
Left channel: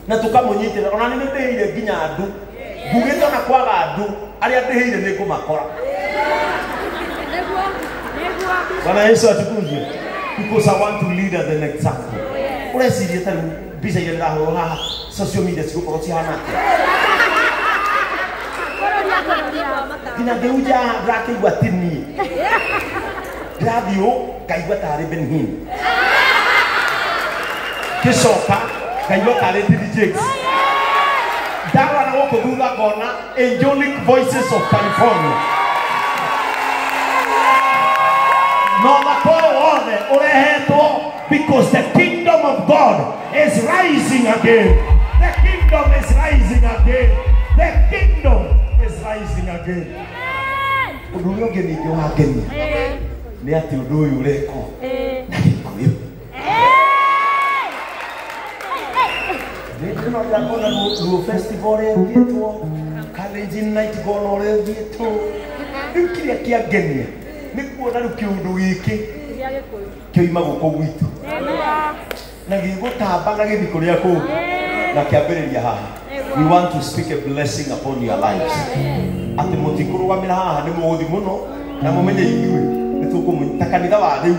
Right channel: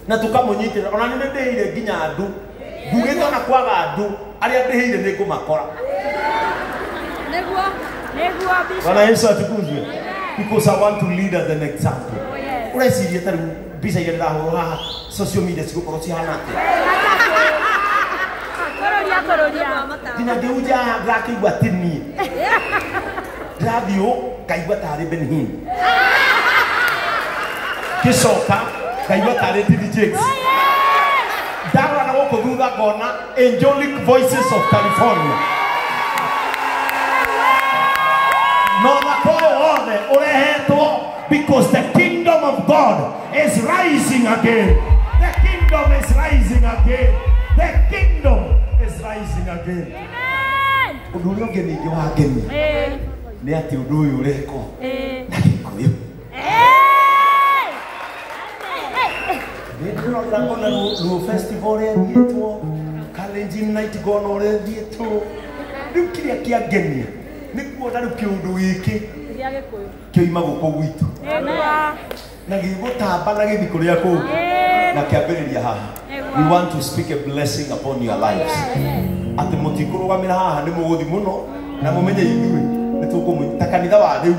na tukamunyitira ona ni ndihire nginya andu ngugite na kwaga andu aria ndihire ni ngumakora Bwana Yesu atukuzwe because I want to lead as an example. Ureciria tari bisa ya ndahoro ha social media sikuko ci hanate. Kina deuja raki watini. Radio kaigwa tare benhin. Kisoka kaigwa tare DJs. Dawa na woko duga kona Angelic Voices of California. No because the kingdom of God is rising again. The kingdom is rising again. The kingdom is rising again. Undu ngeni wa ngeni ni ati undu uyu ureko na gikoyo ndio ndakona no festival yetu college night gono yetu nkiria kia ngeni ni kuona ru kiundu giki kioima guku gwitu na gigutamba na githi kuria ku na kiambiriria haha. We want to speak a blessing upon your lives. Ati mutikurugamira haha ni muthi muno na mumenye ithui ni tukumunyita kanitha wa riu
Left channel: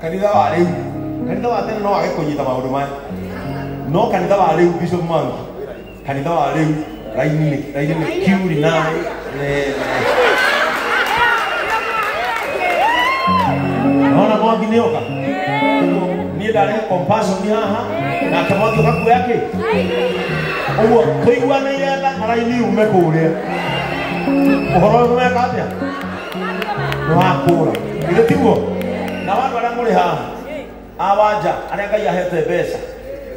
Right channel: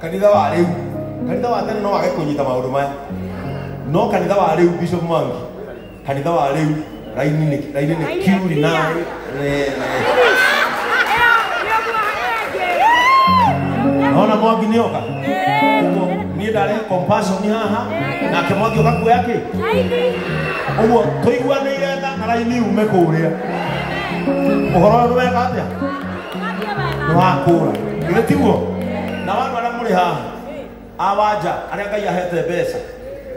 kanitha wa tene no wage kunyita maundu maya no kanitha wa riu Bishop Mwangi kanitha wa riu raini ni kiuri naye ona Mwangi ni oka ni dare compassion ni haha na kemotio kaku yake uwo tuigua ni yenda araini ume kuria uhoro we katia wakura ile tiguo na watu wale muri haha awaja aria Ngai ahete mbeca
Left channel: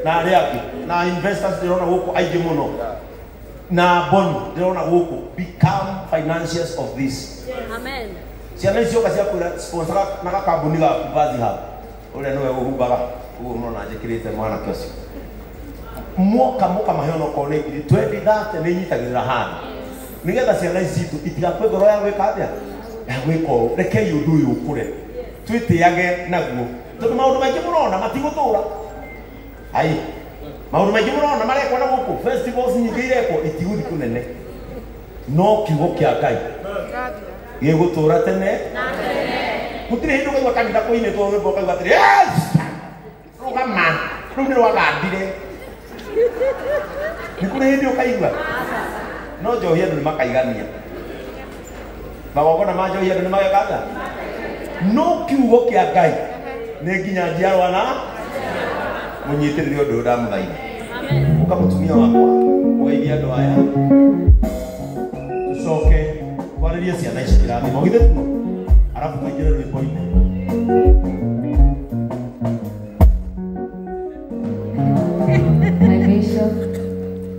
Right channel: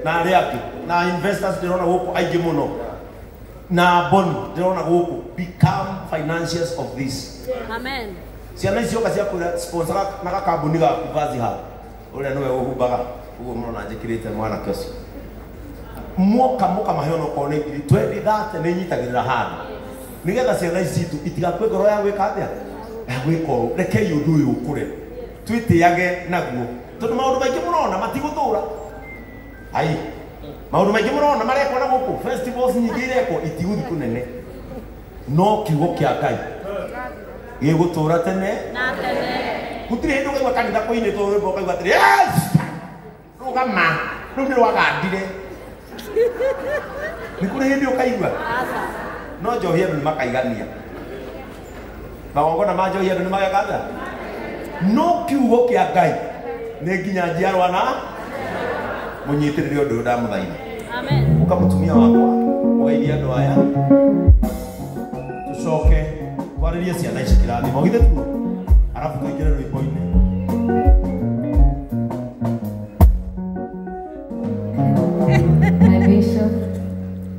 na aria angi na investors ndirona guku aingĩ muno na boni ndĩrona gũkũ become financiers of this. Amen. Ciana icio kacia kũra sponsor na gakambuni ga vazi hapa ũrĩa nĩwe ũhumbaga ũguo mũrona njĩkĩrĩte mwana kĩocio moka maheo no kone 2030 nĩ nyitagĩrĩra handũ nigetha ciana ici citũ itigakue ngoro ya gwĩka atĩa ya gwĩka reke ũndũ ũyũ ũkũre twĩtĩage naguo tondũ maũndũ maingĩ mũrona matigũtũra ai maũndũ maingĩ mũrona marekwo na gũkũ festivals nyingĩ irekwo itigũthi kũnene no kiugo kĩa Ngai gĩgũtũra tene na tene gũtirĩ hĩndĩ ũkaigua kanitha kũinĩtwo rwĩmbo ũkaigua atĩrĩ yes rũgama rũu nĩ rwagandire nĩ kũrĩ hĩndĩ ũkaigua no njohi andũ nĩ makaigania magongona ma njohi andũ nĩ magekaga no kiugo kĩa Ngai nĩ nginya njiarwa na mũnyitĩrĩre ũndũ ndamũthaitha ũka mũtumia wakwa ũgeithie andũ aya tũcoke kwarĩrie ciana ici kĩrathimo githĩ tu arabu tũingĩre rwĩmbo-inĩ.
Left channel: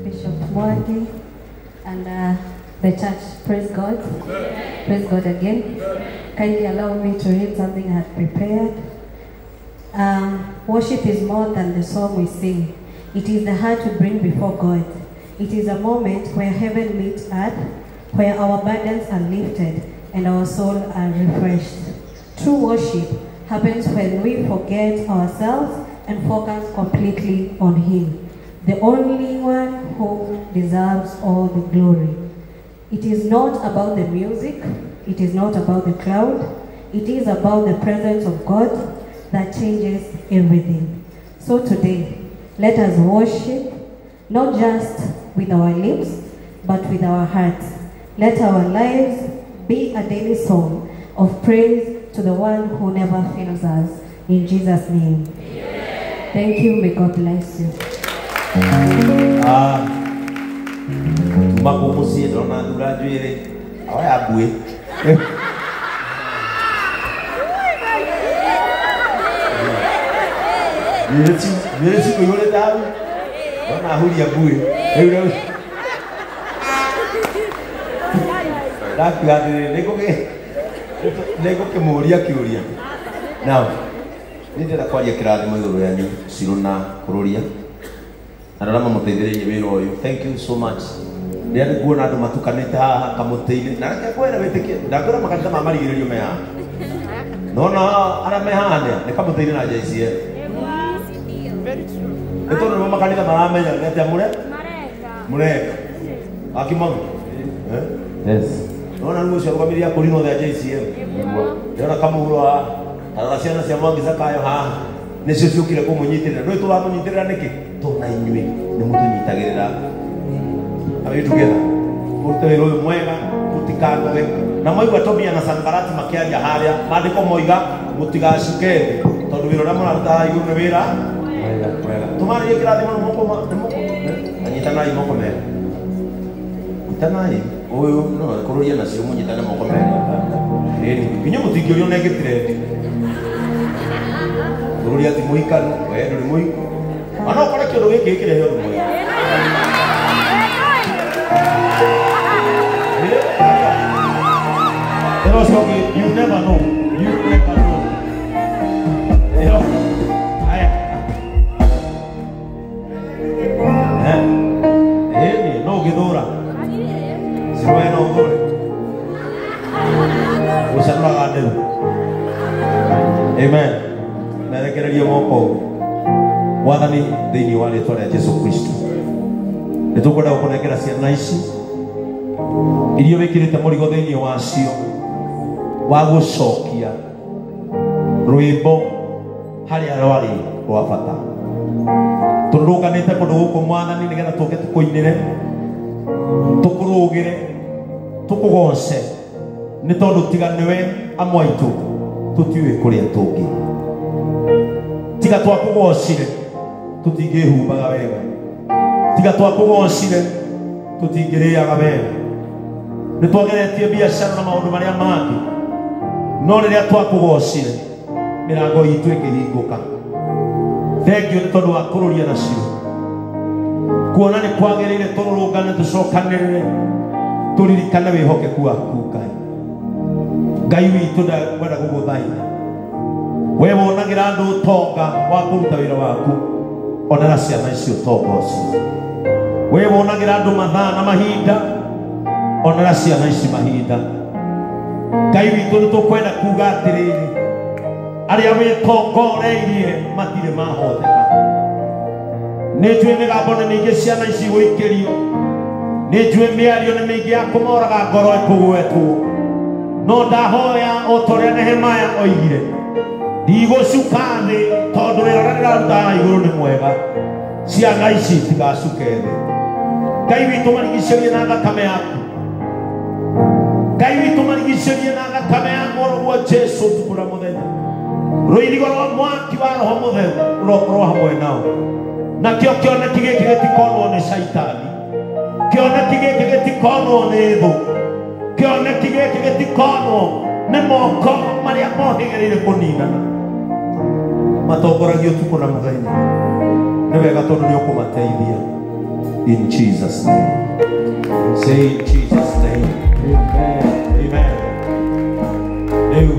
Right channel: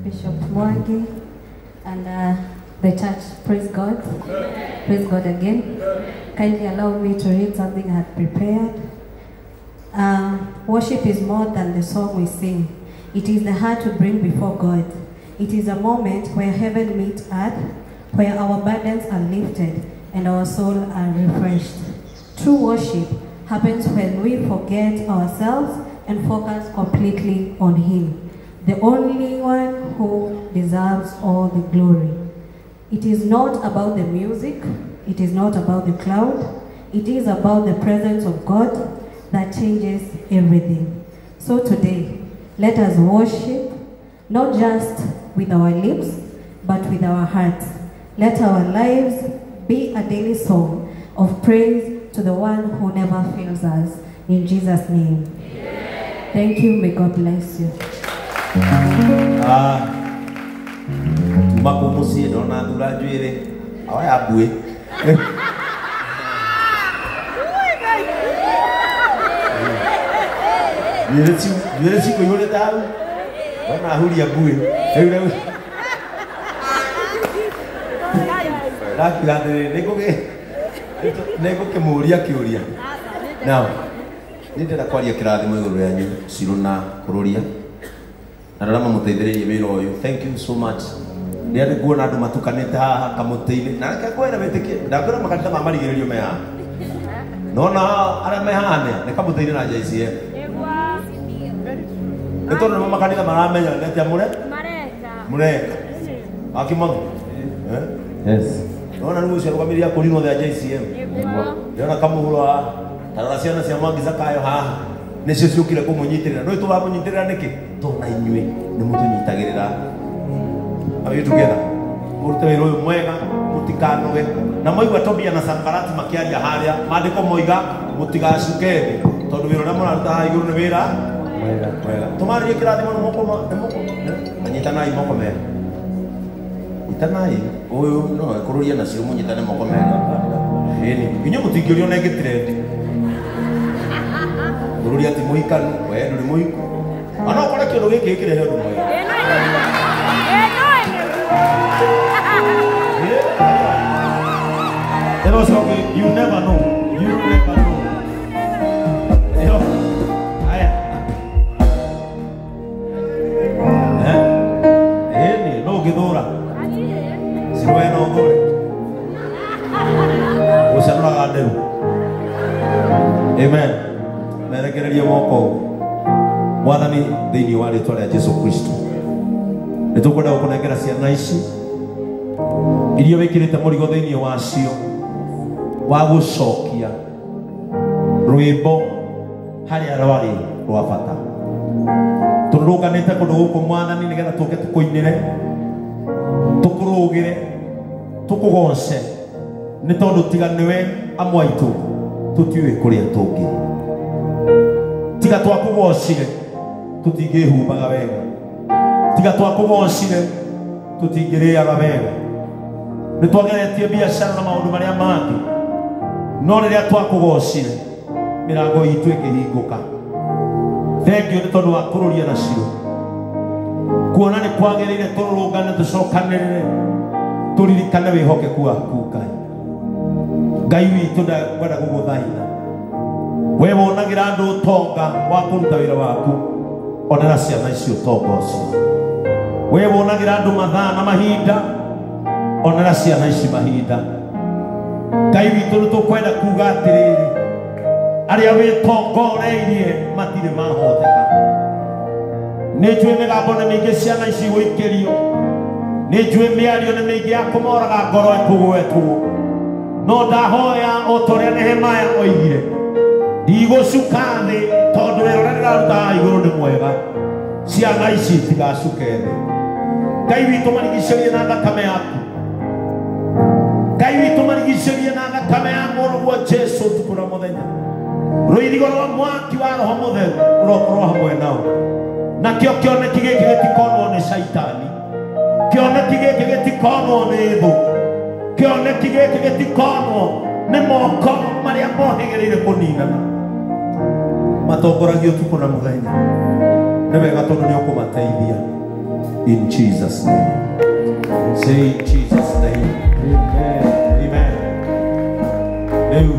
Bishop Mwangi and the church, praise God. Praise God again. Kindly allow me to read something I had prepared. Worship is more than the song we sing. It is the heart we bring before God. It is a moment where heaven meets earth, where our burdens are lifted and our souls are refreshed. True worship happens when we forget ourselves and focus completely on Him, the only one who deserves all the glory. It is not about the music, it is not about the crowd, it is about the presence of God that changes everything. So today, let us worship not just with our lips, but with our hearts. Let our lives be a daily song of praise to the one who never fails us. In Jesus' name. Amen. Thank you. May God bless you. Makomosi dona graduate awaya bue Yesi ko yole tahu dona huli ya bue nego ke muria kiuria now nindira kwaria kirathimo iguru yanyu ciruna kururia ararama muteithĩrĩrie wĩra ũyũ. Thank you so much. Nĩ andũ kuona andũ matukanĩte haha kamũtĩ-inĩ na reke kwenda wĩtĩkie ndakwĩra makanitha ma marigĩrĩrio me haha nona arĩa me haha nĩ kamũtĩ-inĩ na JCM nĩ tondũ nĩmo makanitha maramenya nĩ atĩa mũreka akimagu Yes. nona rĩu ũcio rũgamiria kũringo the JCM ndĩrona kamũhuro haha tarora ciana cia Mwangi Zakayo haha nĩcio ciũkire kũmũnyitĩrĩra nĩ tũramũnyitĩrĩra nĩkĩ tona inyuĩ nĩ mũtũnyitagĩrĩra are you together ũrute wĩra ũyũ mwega mũtikanoge na mwaigua Tobia na Sanbarati makĩaria harĩa maandĩko moiga mũtigacuke thĩ tondũ wĩra ũrĩa mũraruta haha igũrũ nĩ wĩra mwega tũmarĩrie kĩrathimo na moko anyitanai moko merĩ nyitanai ũyũ no kũrũria nacio mũnyitane moko merĩ inyuĩ mũtingĩũrio na ĩngĩtirendi kũrũria ati mũikanu we ndũrĩ mũiku ana ũkore kĩndũ gĩkĩ kĩrehe ũndũ mwega you never know. You never know. No gidora. Si bueno, gore. Usando a Dios. Amen. Me querería moko. Wathani thĩinĩ wa rĩĩtwa rĩa Jesũ Kristo. Nĩtũkwenda gũkũnengera ciana ici iria wĩkĩrĩte mũrigo thĩinĩ wacio wa gũcokia rwĩmbo harĩa rwarĩ rwa bata. Tũrũnganĩte kũndũ gũkũ Mwathani nĩgetha tũke tũkũinĩre, tũkũrũgĩre, tũkũgoce nĩ tondũ tiga nĩwe amwe aitũ tũtiũĩ kũrĩa tũngĩ. Tiga twakũgocire tũtingĩhumbaga wega, tiga twakũgocire tũtingĩrĩaga wega. Nĩ twageretie biacara na maũndũ marĩa mangĩ, no rĩrĩa twakũgocire mĩrango itũ ĩkĩhingũka. Thengio nĩ tondũ wa kũrũria nacio, kuona nĩ kwagĩrĩire tũrũrũngane tũcokanĩrĩre tũririkane wĩhokeku waku Ngai. Ngai witũ ndagwenda gũgũthaitha we wonagĩra andũ ũtonga wa kũruta wĩra waku, onera ciana icio ũtonga ũcio. We wonagĩra andũ mathaa na mahinda, onera ciana ici mahinda. Ngai witũ nĩ tũkwenda kuuga atĩrĩrĩ, arĩa wĩtongoreirie matirĩ mahoteka. Nĩ njũĩ mĩgambo nĩ mĩingĩ ciana ici gũikĩrio, nĩ njũĩ mĩario nĩ mĩingĩ ya kũmoraga ngoro ĩkũgwetwo, no ndahoya o ta ũrĩa Nehemaya oigire, ndigũcuka thĩ tondũ wĩra ũrĩa ndĩrarutaga igũrũ nĩ mwega. Ciana ici itigacuke thĩ. Ngai witũ marigicĩrie na thakame yaku, Ngai witũ marigicĩrie na thakame ya mũrũguo Jesũ tukũra mũthenya. Rũirigo rwa mwaki wa Roho Mũtheru rũrokorwo hamwe nao, nakĩo kĩoneki gĩkĩ gĩtikonwo nĩ Shaitani, kĩoneki gĩkĩ gĩtikonwo nĩ thũ, kĩoneki gĩkĩ gĩtikonwo nĩ moko marĩa mohĩgĩrĩire kũninana. Matongoragio ũtukũ na mũthenya, nĩ wega tondũ nĩ ũkũmateithia. In Jesus' name. Say in Jesus' name. Amen. Amen. Rĩu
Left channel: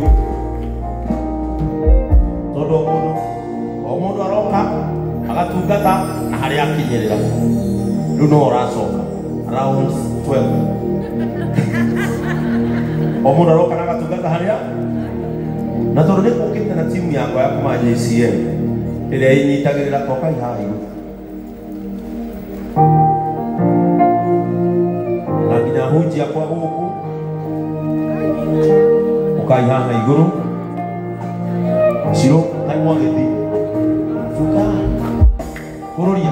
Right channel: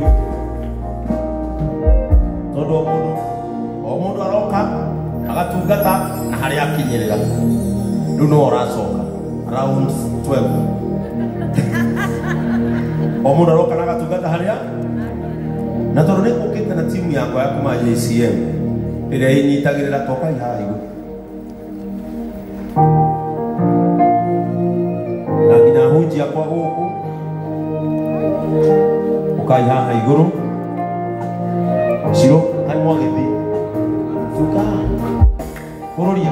tondũ o mũndũ aroka agatungata na harĩa akinyĩrĩra, rĩu no ũracoka around 12. O mũndũ aroka na agatungata harĩa, na tondũ nĩ gũkĩte na timu yakwa ya kuma JCM ĩrĩa ĩnyitagĩrĩra toka ihaha igũrũ, na nginya hunjia kwa gũkũ ũkai haha igũrũ. Ciro, hai mwagĩthiĩ Fuka kũrũria